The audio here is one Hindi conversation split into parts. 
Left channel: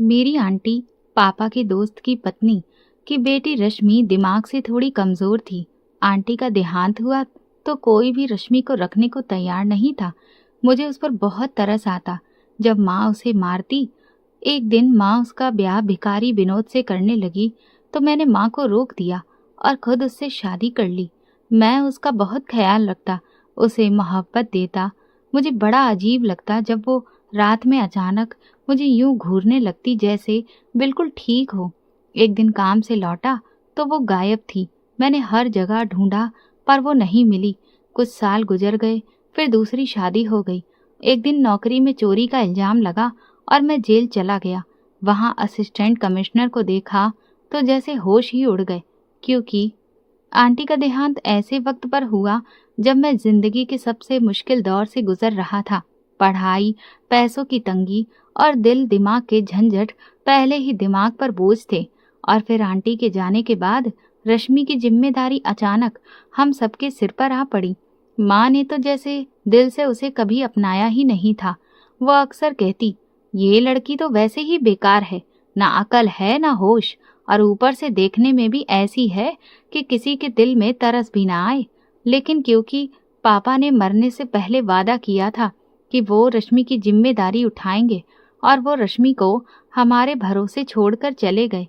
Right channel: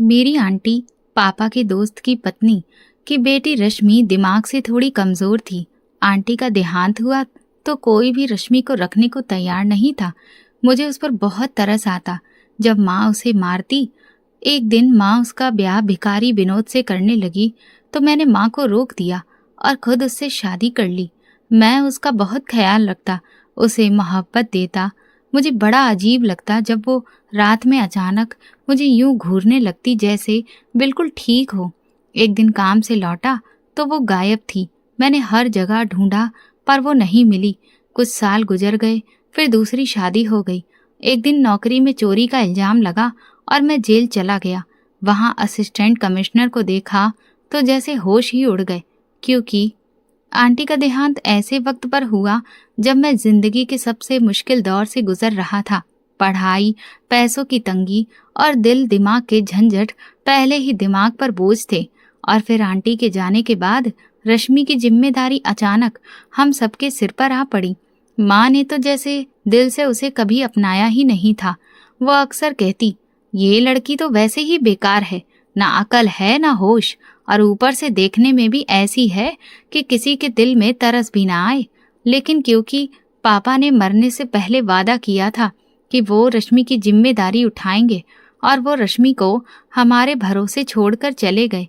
मेरी आंटी पापा के दोस्त की पत्नी की बेटी रश्मि दिमाग से थोड़ी कमजोर थी। आंटी का देहांत हुआ तो कोई भी रश्मि को रखने को तैयार नहीं था। मुझे उस पर बहुत तरस आता जब माँ उसे मारती। एक दिन माँ उसका ब्याह भिखारी विनोद से करने लगी तो मैंने माँ को रोक दिया और खुद उससे शादी कर ली। मैं उसका बहुत ख्याल रखता, उसे मोहब्बत देता। मुझे बड़ा अजीब लगता जब वो रात में अचानक मुझे यूं घूरने लगती जैसे बिल्कुल ठीक हो। एक दिन काम से लौटा तो वो गायब थी। मैंने हर जगह ढूंढा पर वो नहीं मिली। कुछ साल गुजर गए, फिर दूसरी शादी हो गई। एक दिन नौकरी में चोरी का इल्जाम लगा और मैं जेल चला गया। वहां असिस्टेंट कमिश्नर को देखा तो जैसे होश ही उड़ गए, क्योंकि आंटी का देहांत ऐसे वक्त पर हुआ जब मैं जिंदगी के सबसे मुश्किल दौर से गुजर रहा था। पढ़ाई, पैसों की तंगी और दिल दिमाग के झंझट पहले ही दिमाग पर बोझ थे, और फिर आंटी के जाने के बाद रश्मि की जिम्मेदारी अचानक हम सबके सिर पर आ पड़ी। माँ ने तो जैसे दिल से उसे कभी अपनाया ही नहीं था। वो अक्सर कहती, ये लड़की तो वैसे ही बेकार है, ना अकल है ना होश, और ऊपर से देखने में भी ऐसी है कि किसी के दिल में तरस भी ना आए। लेकिन क्योंकि पापा ने मरने से पहले वादा किया था कि वो रश्मि की जिम्मेदारी उठाएंगे, और वो रश्मि को हमारे भरोसे छोड़कर चले गए।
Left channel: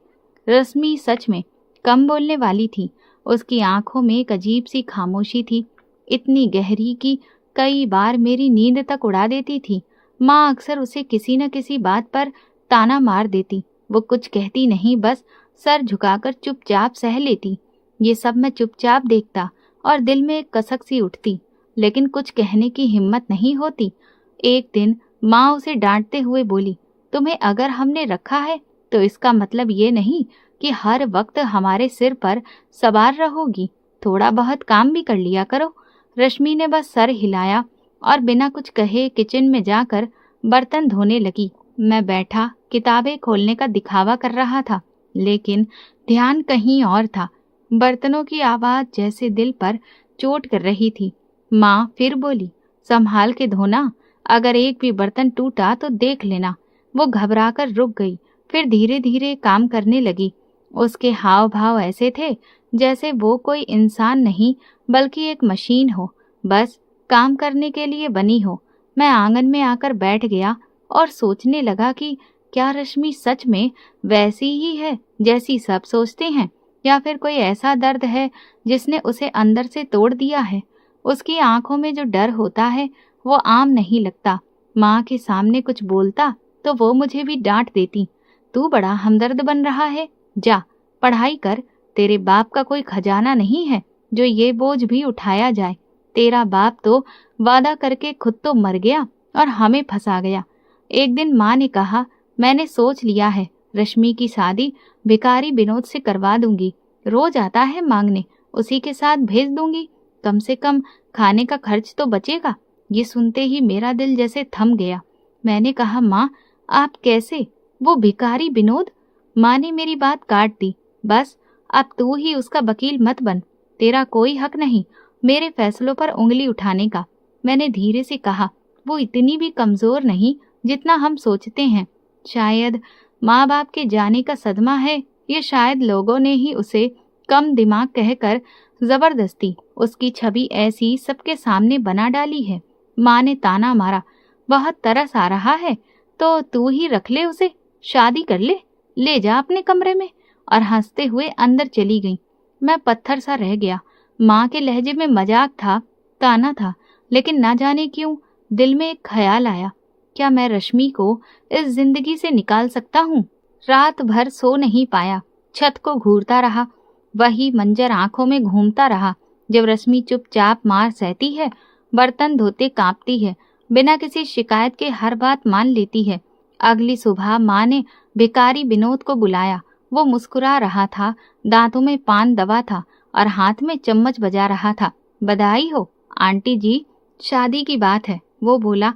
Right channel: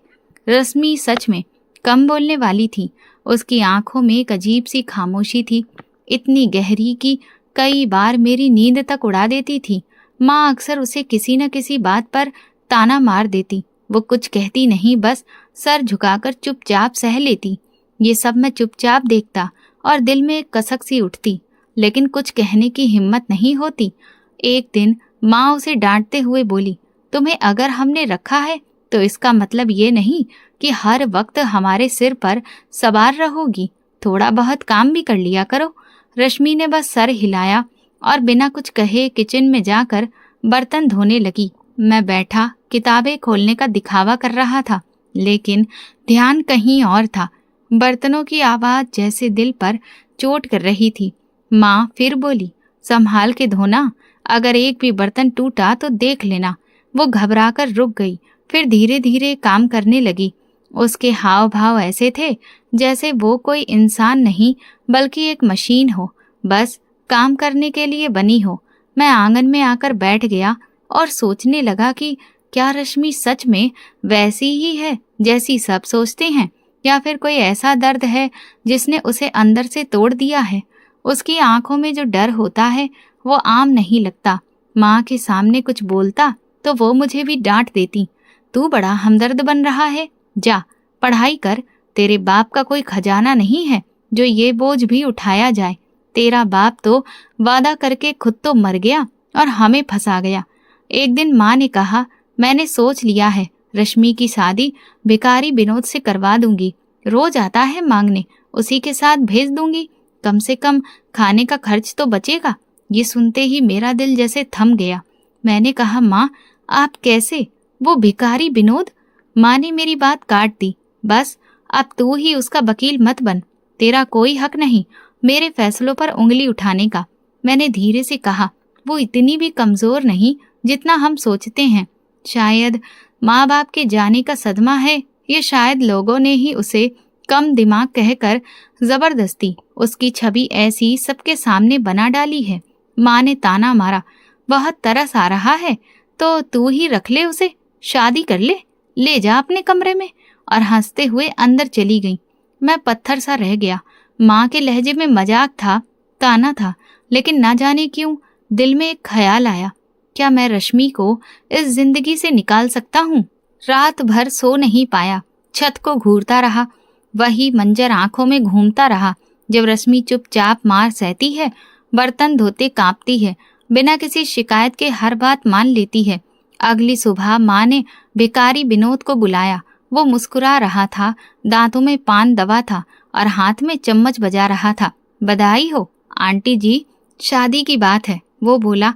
रश्मि सच में कम बोलने वाली थी। उसकी आंखों में एक अजीब सी खामोशी थी, इतनी गहरी कि कई बार मेरी नींद तक उड़ा देती थी। माँ अक्सर उसे किसी न किसी बात पर ताना मार देती। वो कुछ कहती नहीं, बस सर झुकाकर चुपचाप सह लेती। ये सब मैं चुपचाप देखता और दिल में एक कसक सी उठती, लेकिन कुछ कहने की हिम्मत नहीं होती। एक दिन माँ उसे डांटते हुए बोली, तुम्हें अगर हमने रखा है तो इसका मतलब ये नहीं कि हर वक्त हमारे सिर पर सवार रहोगी। थोड़ा बहुत काम भी कर लिया करो। रश्मि ने बस सर हिलाया और बिना कुछ कहे किचन में जाकर बर्तन धोने लगी। मैं बैठा किताबें खोलने का दिखावा कर रहा था, लेकिन ध्यान कहीं और था। बर्तनों की आवाज जैसे दिल पर चोट कर रही थी। माँ फिर बोली, संभाल के धोना, अगर एक भी बर्तन टूटा तो देख लेना। वो घबराकर रुक गई, फिर धीरे धीरे काम करने लगी। उसके हाव भाव ऐसे थे जैसे वो कोई इंसान नहीं बल्कि एक मशीन हो, बस काम करने के लिए बनी हो। मैं आंगन में आकर बैठ गया और सोचने लगा कि क्या रश्मि सच में वैसी ही है जैसी सब सोचते हैं, या फिर कोई ऐसा दर्द है जिसने उसे अंदर से तोड़ दिया है। उसकी आंखों में जो डर होता है वो आम नहीं लगता। माँ के सामने कुछ बोलता तो वो मुझे भी डांट देती, तू बड़ा हमदर्द बन रहा है, जा पढ़ाई कर। तेरे बाप का कोई खजाना नहीं है जो ये बोझ भी उठाया जाए। तेरा बाप तो वादा करके खुद तो मर गया और हमें फंसा गया। एक दिन माँ ने कहा, मैंने सोच लिया है, रश्मि की शादी भिखारी विनोद से करवा दूंगी। रोज आता है मांगने, उसी के साथ भेज दूंगी। कम से कम खाने का खर्च तो बचेगा। ये सुनते ही मेरा दिल जैसे थम गया। मैंने कहा, माँ आप कैसे? वो भिखारी विनोद? माँ ने मेरी बात काट दी। बस अब तू ही उसका वकील मत बन। तेरा कोई हक नहीं मेरे फैसलों पर उंगली उठाने का। मैंने धीरे से कहा, वो इतनी भी कमजोर नहीं जितना हम सोचते हैं। शायद माँ बाप के जाने का सदमा है, ये शायद लोगों ने ही उसे कम दिमाग कहकर जबरदस्ती उसकी छवि ऐसी सबके सामने बना डाली है। माँ ने ताना मारा, बहुत तरस आ रहा है तो तू ही रख ले उसे, शादी कर ले जा अपने कमरे में। और हंसते हुए अंदर चली गई। मैं पत्थर सा रह गया। माँ के लहजे में मजाक था, ताना था, लेकिन ना जाने क्यों दिल में एक ख्याल आया, क्या मैं रश्मि को इस जिंदगी से निकाल सकता हूँ? रात भर सो नहीं पाया, छत को घूरता रहा। वही मंजर आंखों में घूमता रहा। जब रश्मि चुपचाप मार सहती है, बर्तन धोते कांपती है, बिना किसी शिकायत के हर बात मान लेती है। अगली सुबह माँ ने भिखारी विनोद को बुलाया। वो मुस्कुरा रहा था, दांतों में पान दबा था और हाथ में चम्मच बजा रहा था। बधाई हो आंटी जी, शादी की बात है, वो बोला।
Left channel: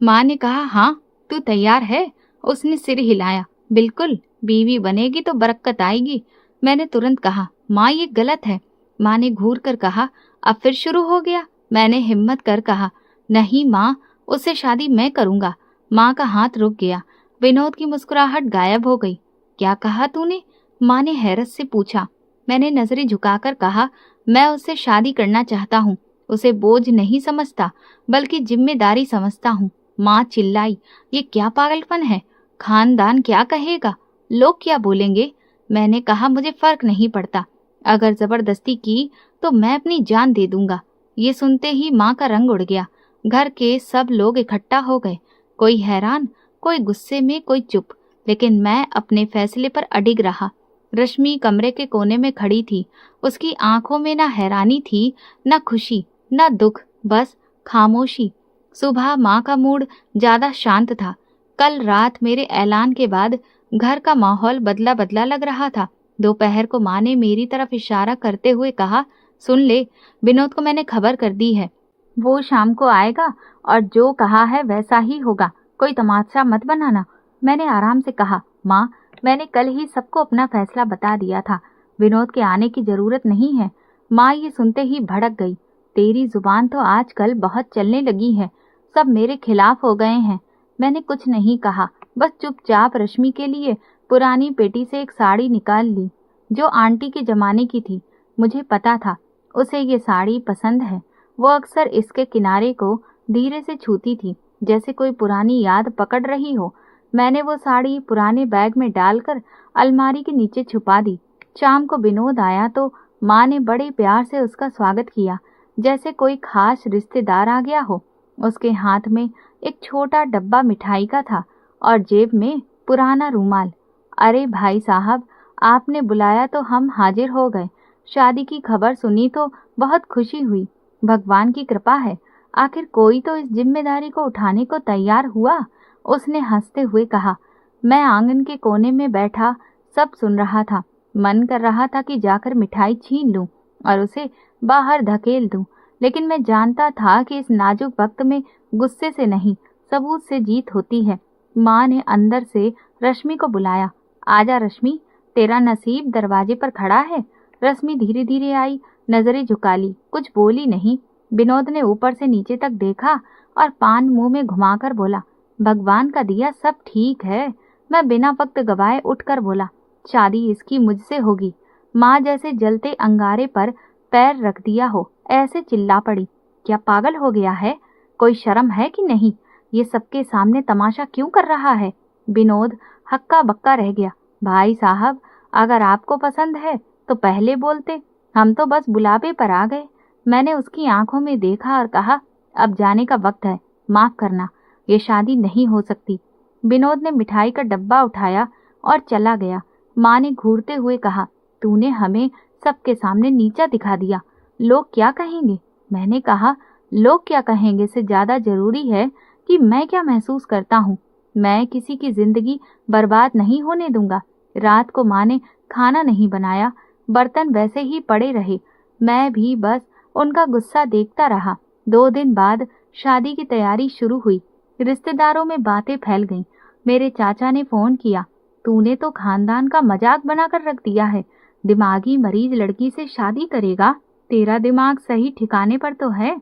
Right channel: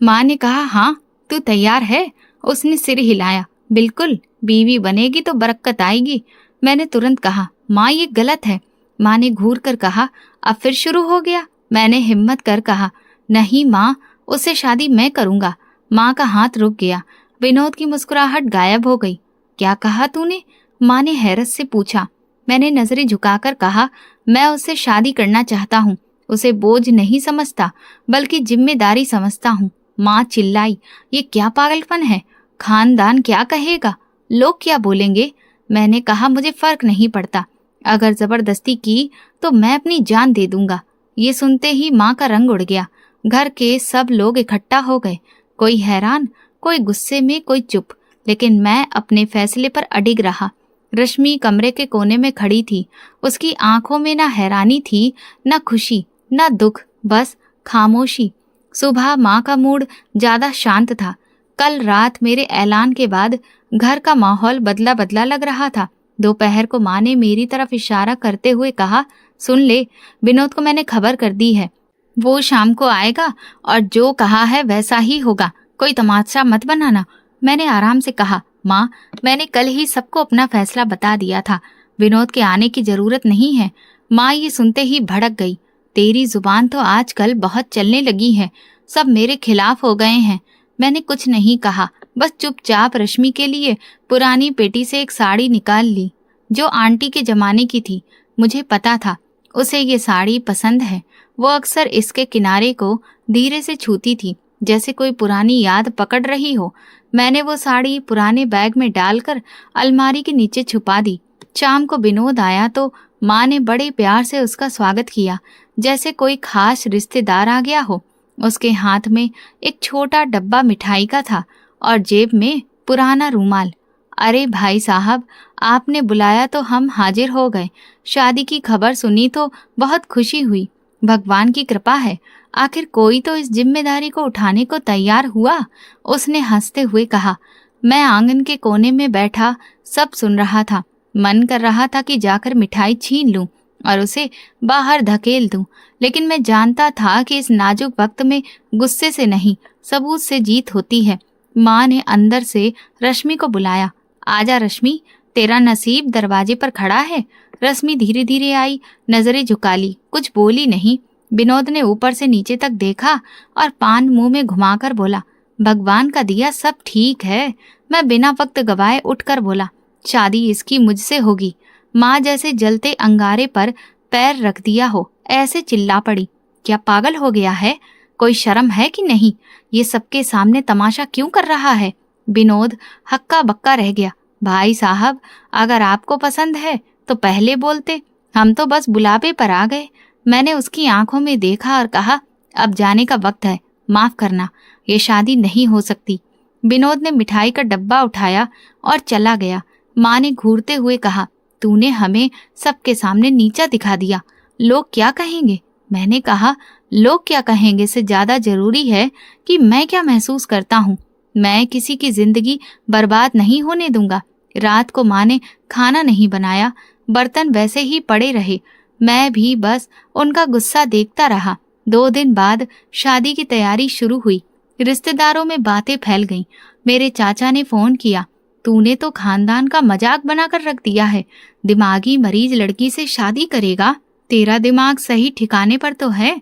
माँ ने कहा, हाँ तू तैयार है? उसने सिर हिलाया, बिल्कुल, बीवी बनेगी तो बरकत आएगी। मैंने तुरंत कहा, माँ ये गलत है। माँ ने घूर कर कहा, अब फिर शुरू हो गया? मैंने हिम्मत कर कहा, नहीं माँ, उससे शादी मैं करूँगा। माँ का हाथ रुक गया। विनोद की मुस्कुराहट गायब हो गई। क्या कहा तूने? माँ ने हैरत से पूछा। मैंने नजरें झुकाकर कहा, मैं उससे शादी करना चाहता हूँ। उसे बोझ नहीं समझता, बल्कि जिम्मेदारी समझता हूँ। माँ चिल्लाई, ये क्या पागलपन है? खानदान क्या कहेगा? लोग क्या बोलेंगे? मैंने कहा, मुझे फर्क नहीं पड़ता। अगर जबरदस्ती की तो मैं अपनी जान दे दूंगा। ये सुनते ही माँ का रंग उड़ गया। घर के सब लोग इकट्ठा हो गए। कोई हैरान, कोई गुस्से में, कोई चुप, लेकिन मैं अपने फैसले पर अडिग रहा। रश्मि कमरे के कोने में खड़ी थी। उसकी आंखों में ना हैरानी थी, ना खुशी, ना दुख, बस खामोशी। सुबह माँ का मूड ज्यादा शांत था। कल रात मेरे ऐलान के बाद घर का माहौल बदला बदला लग रहा था। दोपहर को माँ ने मेरी तरफ इशारा करते हुए कहा, सुन ले, विनोद को मैंने खबर कर दी है। वो शाम को आएगा और जो कहा है वैसा ही होगा। कोई तमाशा मत बनाना। मैंने आराम से कहा, माँ, मैंने कल ही सबको अपना फैसला बता दिया था। विनोद के आने की जरूरत नहीं है। माँ ये सुनते ही भड़क गई। तेरी जुबान तो आजकल बहुत चलने लगी है। सब मेरे खिलाफ हो गए हैं। मैंने कुछ नहीं कहा, बस चुपचाप रश्मि के लिए पुरानी पेटी से एक साड़ी निकाल ली, जो आंटी के जमाने की थी। मुझे पता था उसे ये साड़ी पसंद है। वो अक्सर इसके किनारे को धीरे से छूती थी, जैसे कोई पुरानी याद पकड़ रही हो। मैंने वो साड़ी पुराने बैग में डालकर अलमारी के नीचे छुपा दी। शाम को विनोद आया तो माँ ने बड़े प्यार से उसका स्वागत किया, जैसे कोई खास रिश्तेदार आ गया हो। उसके हाथ में एक छोटा डब्बा मिठाई का था और जेब में पुराना रूमाल। अरे भाई साहब, आपने बुलाया तो हम हाजिर हो गए। शादी की खबर सुनी तो बहुत खुशी हुई। भगवान की कृपा है, आखिर कोई तो इस जिम्मेदारी को उठाने को तैयार हुआ। उसने हंसते हुए कहा। मैं आंगन के कोने में बैठा सब सुन रहा था। मन कर रहा था कि जाकर मिठाई छीन लूं और उसे बाहर धकेल दूं, लेकिन मैं जानता था कि इस नाजुक वक्त में गुस्से से नहीं, सबूत से जीत होती है। माँ ने अंदर से रश्मि को बुलाया। आजा रश्मि, तेरा नसीब दरवाजे पर खड़ा है। रश्मि धीरे धीरे आई, नजरें झुका ली, कुछ बोली नहीं। विनोद ने ऊपर से नीचे तक देखा और पान मुंह में घुमाकर बोला, भगवान का दिया सब ठीक है। मैं बिना वक्त गवाए उठकर बोला, शादी इसकी मुझसे होगी। माँ जैसे जलते अंगारे पर पैर रख दिया हो ऐसे चिल्ला पड़ी, क्या पागल हो गया है? कोई शर्म है कि नहीं? ये सबके सामने तमाशा क्यों कर रहा है? विनोद हक्का बक्का रह गया। भाई साहब, अगर आपको पसंद है तो पहले बोलते, हम तो बस बुलावे पर आ गए। मैंने उसकी आंखों में देखा और कहा, अब जाने का वक्त है, माफ करना, ये शादी नहीं हो सकती। विनोद ने मिठाई का डब्बा उठाया और चला गया। माँ ने घूरते हुए कहा, तूने हमें सबके सामने नीचा दिखा दिया। लोग क्या कहेंगे? मैंने कहा, लोग क्या कहेंगे से ज्यादा जरूरी है कि मैं क्या महसूस करता हूँ। मैं किसी की जिंदगी बर्बाद नहीं होने दूंगा। रात को माँ ने खाना नहीं बनाया, बर्तन वैसे ही पड़े रहे। मैं भी बस उनका गुस्सा देखता रहा। 2 दिन बाद शादी की तैयारी शुरू हुई। रिश्तेदारों में बातें फैल गईं। मेरे चाचा ने फोन किया, तूने तो खानदान का मजाक बनाकर रख दिया है। दिमागी मरीज लड़की से शादी करेगा? तेरा दिमाग सही ठिकाने पर तो है?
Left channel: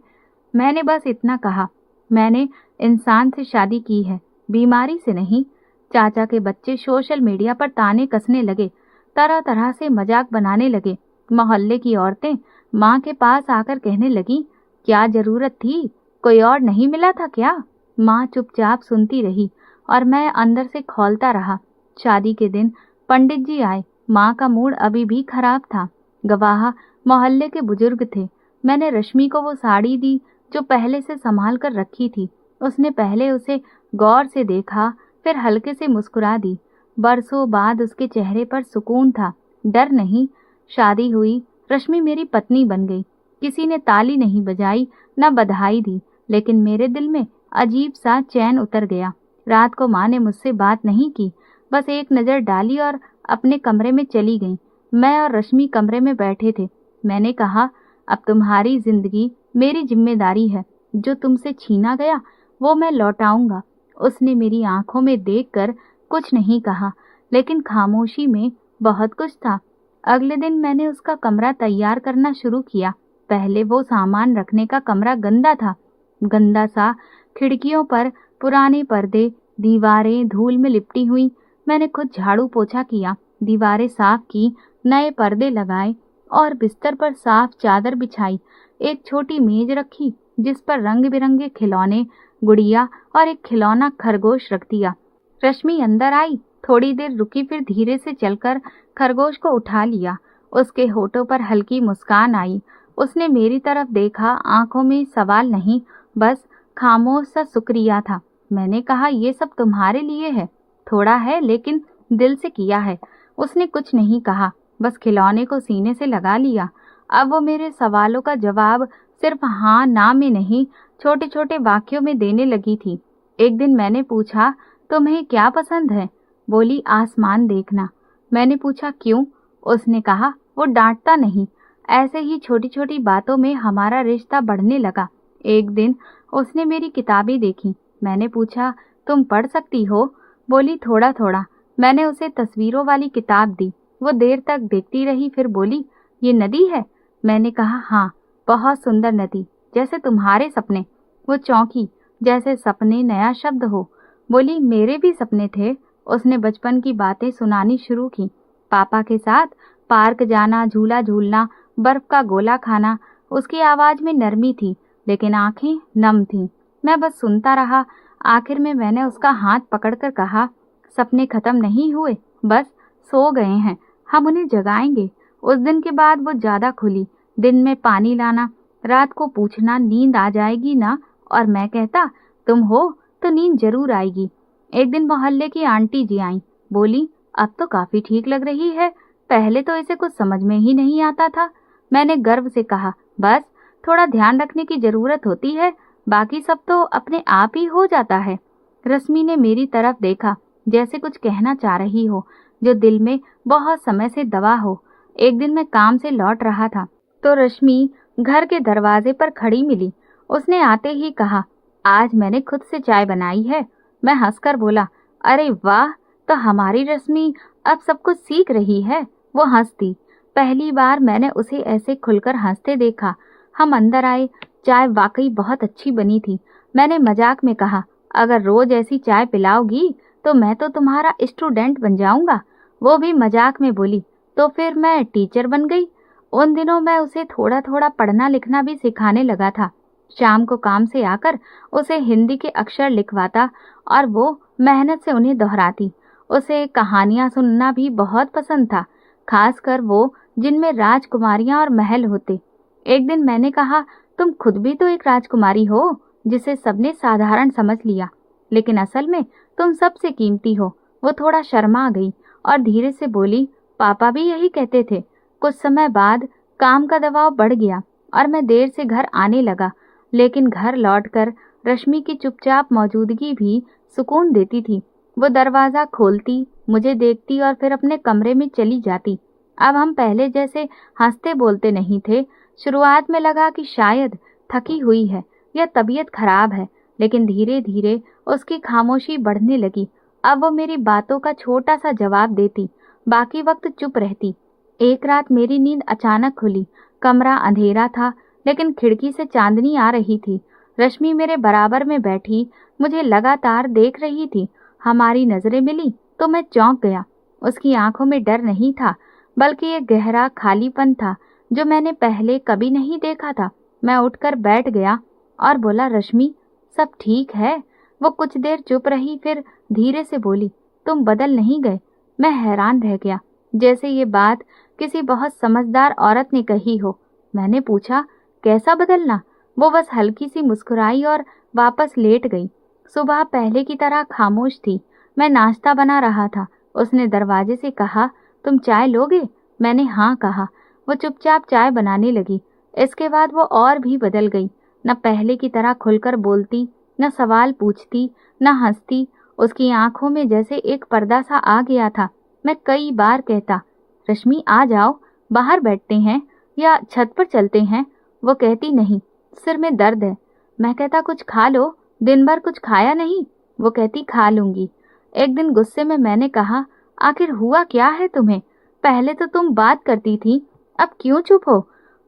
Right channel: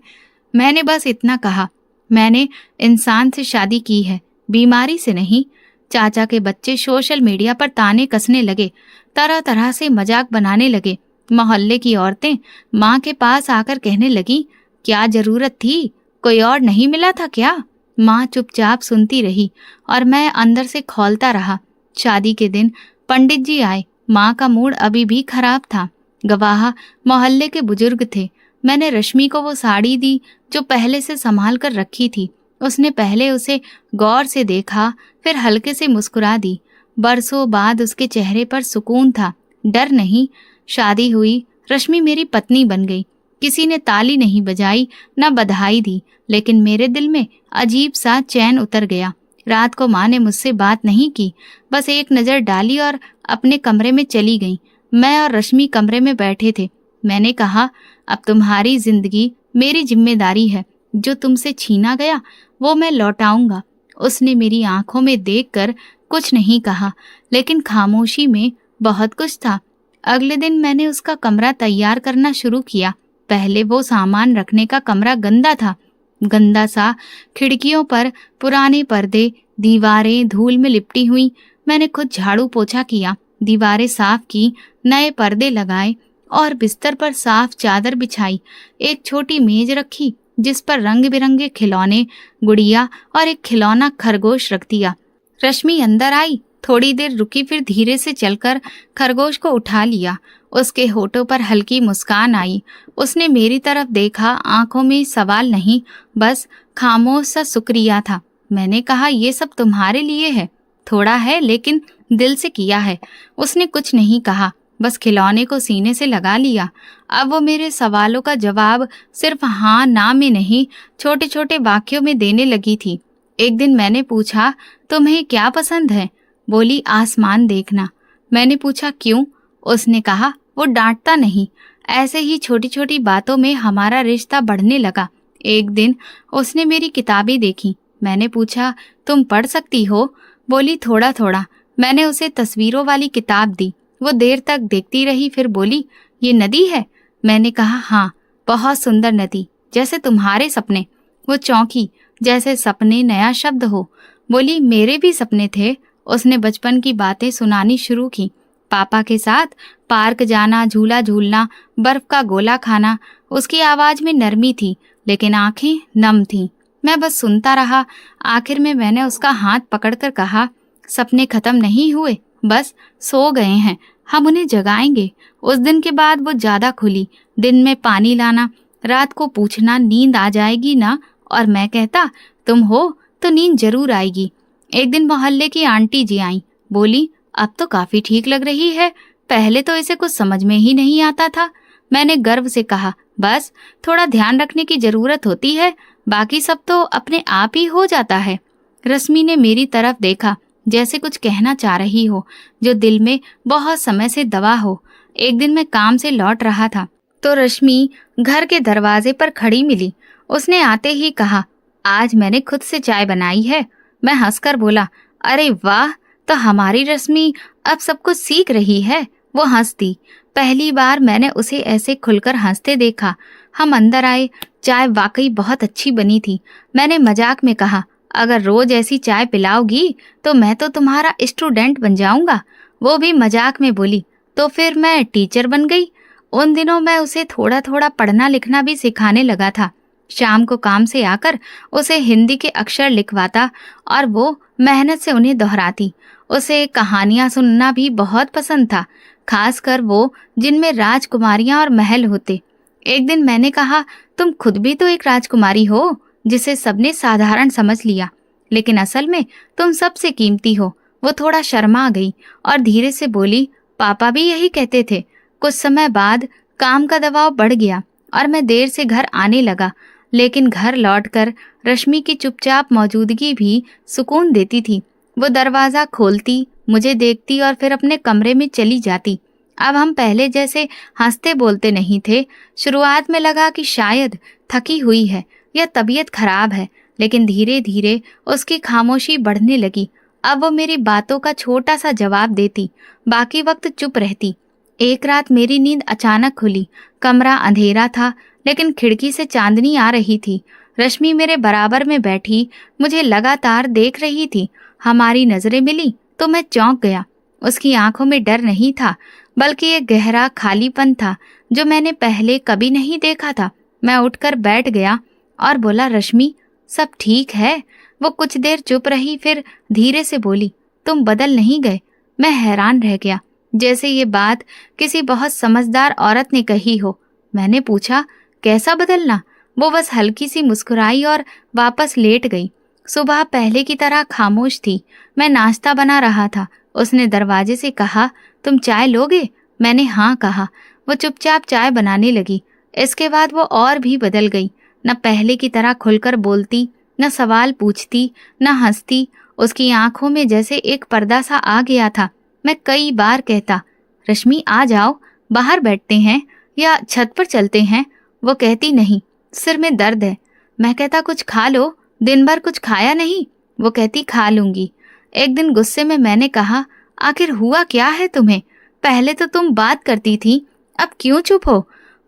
मैंने बस इतना कहा, मैंने इंसान से शादी की है, बीमारी से नहीं। चाचा के बच्चे सोशल मीडिया पर ताने कसने लगे, तरह तरह से मजाक बनाने लगे। मोहल्ले की औरतें माँ के पास आकर कहने लगी, क्या जरूरत थी? कोई और नहीं मिला था क्या? माँ चुपचाप सुनती रही और मैं अंदर से खौलता रहा। शादी के दिन पंडित जी आए। माँ का मूड अभी भी खराब था। गवाह मोहल्ले के बुजुर्ग थे। मैंने रश्मि को वो साड़ी दी जो पहले से संभाल कर रखी थी। उसने पहले उसे गौर से देखा, फिर हल्के से मुस्कुरा दी। बरसों बाद उसके चेहरे पर सुकून था, डर नहीं। शादी हुई, रश्मि मेरी पत्नी बन गई। किसी ने ताली नहीं बजाई, न बधाई दी, लेकिन मेरे दिल में अजीब सा चैन उतर गया। रात को माँ ने मुझसे बात नहीं की, बस एक नज़र डाली और अपने कमरे में चली गई। मैं और रश्मि कमरे में बैठे थे। मैंने कहा, अब तुम्हारी जिंदगी मेरी जिम्मेदारी है। जो तुमसे छीना गया वो मैं लौटाऊंगा। उसने मेरी आंखों में देखकर कुछ नहीं कहा, लेकिन खामोशी में बहुत कुछ था। अगले दिन मैंने उसका कमरा तैयार करना शुरू किया। पहले वो सामान रखने का कमरा गंदा था, गंदा सा। खिड़कियों पर पुराने पर्दे, दीवारें धूल में लिपटी हुई। मैंने खुद झाड़ू पोछा किया, दीवारें साफ की, नए पर्दे लगाए और बिस्तर पर साफ चादर बिछाई। एक छोटी मेज रखी जिस पर रंग बिरंगे खिलौने, गुड़िया और एक खिलौना खरगोश रख दिया। रश्मि अंदर आई, थोड़ी देर रुकी, फिर धीरे से चलकर खरगोश को उठा लिया। उसके होठों पर हल्की मुस्कान आई। उसने मेरी तरफ देखा, आंखों में सवाल नहीं, बस खामोश सा शुक्रिया था। मैंने कहा, ये सब तुम्हारे लिए है। थोड़ा है लेकिन दिल से किया है। उसने कुछ नहीं कहा, बस खिलौने को सीने से लगा लिया। अब वो मेरे सवालों का जवाब सिर्फ हाँ ना में नहीं, छोटे छोटे वाक्यों में देने लगी थी। एक दिन मैंने पूछा, तुम्हें क्या पसंद है? बोली, आसमान देखना। मैंने पूछा, क्यों? उसने कहा, वो डांटता नहीं। ऐसे ही छोटी छोटी बातों में हमारा रिश्ता बढ़ने लगा। एक दिन उसने मेरी किताबें देखी। मैंने पूछा, तुम पढ़ सकती हो? बोली, थोड़ा थोड़ा। मैंने उसे तस्वीरों वाली किताब दी। वो देर तक देखती रही, फिर बोली, ये नदी है? मैंने कहा, हाँ, बहुत सुंदर नदी, जैसे तुम्हारे सपने। वो चौंकी, जैसे सपने नया शब्द हो। बोली, मेरे भी सपने थे। उसने बचपन की बातें सुनानी शुरू की। पापा के साथ पार्क जाना, झूला झूलना, बर्फ का गोला खाना। उसकी आवाज में नरमी थी लेकिन आंखें नम थीं। मैं बस सुनता रहा। आखिर में मैंने उसका हाथ पकड़कर कहा, सपने खत्म नहीं हुए, बस सो गए हैं, हम उन्हें जगाएंगे। उस दिन के बाद वो ज्यादा खुली। दिन में पानी लाना, रात को पूछना, नींद आ जाएगी ना? और मैं कहता, तुम हो तो नींद जरूर आएगी। एक दिन मोहल्ले की आंटी जी आई। बोली, अब तो काफी ठीक लग रही है, पहले तो इसे कुछ समझ में ही नहीं आता था। मैंने गर्व से कहा, बस थोड़ा ध्यान रखने की जरूरत होती है, बाकी सब तो अपने आप ही हो जाता है। रश्मि ने मेरी तरफ देखा, जैसे कुछ कहना चाह रही हो जो दिल में बहुत समय से दबा हो। एक दिन मैं काम से लौट रहा था तो रश्मि घर के दरवाजे पर खड़ी मिली। उसने आते ही कहा, आज मैंने खुद से चाय बनाई है। मैं हंसकर बोला, अरे वाह, तो हमारी रश्मि अब सब कुछ सीख रही है। वो हंस दी। पहली बार मैंने उसे ऐसे खुलकर हंसते देखा। हम अंदर आए। चाय वाकई बहुत अच्छी बनी थी। मैंने मजाक में कहा, अगर रोज ऐसी चाय पिलाओगी तो मैं तो तुम्हारा स्टूडेंट बन जाऊंगा। वो भी मजाक में बोली, तो फिर मैं टीचर बन गई। उन दिनों मैं उसे थोड़ा थोड़ा पढ़ना लिखना भी सिखाने लगा था। शाम को काम से आकर उसे हिंदी के अक्षर लिखवाता और वो मेहनत से उन्हें दोहराती। उसे कहानियां सुनना भी बहुत पसंद था, खासकर वो जिनमें राजकुमारियां और महल होते। एक दिन मैंने कहा, तुम खुद भी तो एक राजकुमारी हो, जिसे सबने साधारण समझ लिया, लेकिन असल में तुम सबसे कीमती हो। वो थोड़ा शर्मा गई और धीरे से बोली, पापा भी यही कहते थे। कुछ समय बाद काम का दबाव बढ़ गया और मैं देर से घर आने लगा, लेकिन घर लौटकर रश्मि की चुपचाप मौजूदगी भी सुकून देती थी। वो दरवाजा खोलती, मुझे देखती और फिर अपने कमरे में चली जाती। अब हम पहले जैसे हंसते बोलते नहीं थे। शुरुआत में लगा कि शायद थकी हुई है या तबीयत खराब है, लेकिन धीरे धीरे उसकी खामोशी बढ़ने लगी। अब वो मेरी बातों का छोटा सा जवाब देती, बाकी वक्त चुप रहती। एक रात मेरी नींद अचानक खुली। कमरा अंधेरा था लेकिन खिड़की से चांदनी आ रही थी। रश्मि मेरे बराबर में बैठी मुझे लगातार देख रही थी। हमारी नजरें मिली तो मैं चौंक गया। उसकी आंखों में डर नहीं था, बल्कि एक गहरा खालीपन था जो मैंने पहले कभी नहीं देखा था। मैं उठकर बैठ गया और बोला, रश्मि, सब ठीक है? वो कुछ देर चुप रही, फिर धीरे से बोली, तुम बदल नहीं गए। मैं हैरान रह गया, जैसे ये बात किसी बहुत समझदार औरत ने कही हो। मैंने पूछा, कैसा बदलना? वो बस हल्की सी मुस्कुराई और वापस लेट गई। सुबह पहले की तरह खामोश थी। मैं नाश्ता बना रहा था। उसने दरवाजे से कहा, तुम चाय लोगे? मैंने हाँ कहा। वो चुपचाप चाय बनाने लगी। इसके बाद वो और भी बदल गई। न पहले की तरह खुलकर बोलती, न सवाल पूछती, न हंसती। उसकी आंखों में जैसे एक पर्दा सा आ गया था। मैं कई बार कहता, रश्मि आ जाओ, बाहर बैठते हैं या छत पर चलते हैं। वो कहती, नहीं, सिर में दर्द है। मैं कहता, कुछ खा लो, दिन भर कुछ खाया नहीं। वो कहती, खा लूंगी। एक दिन गुस्से में मैंने कहा, आखिर हुआ क्या है तुम्हें? पहले तो तुम बात करती थी, अब क्यों चुप हो?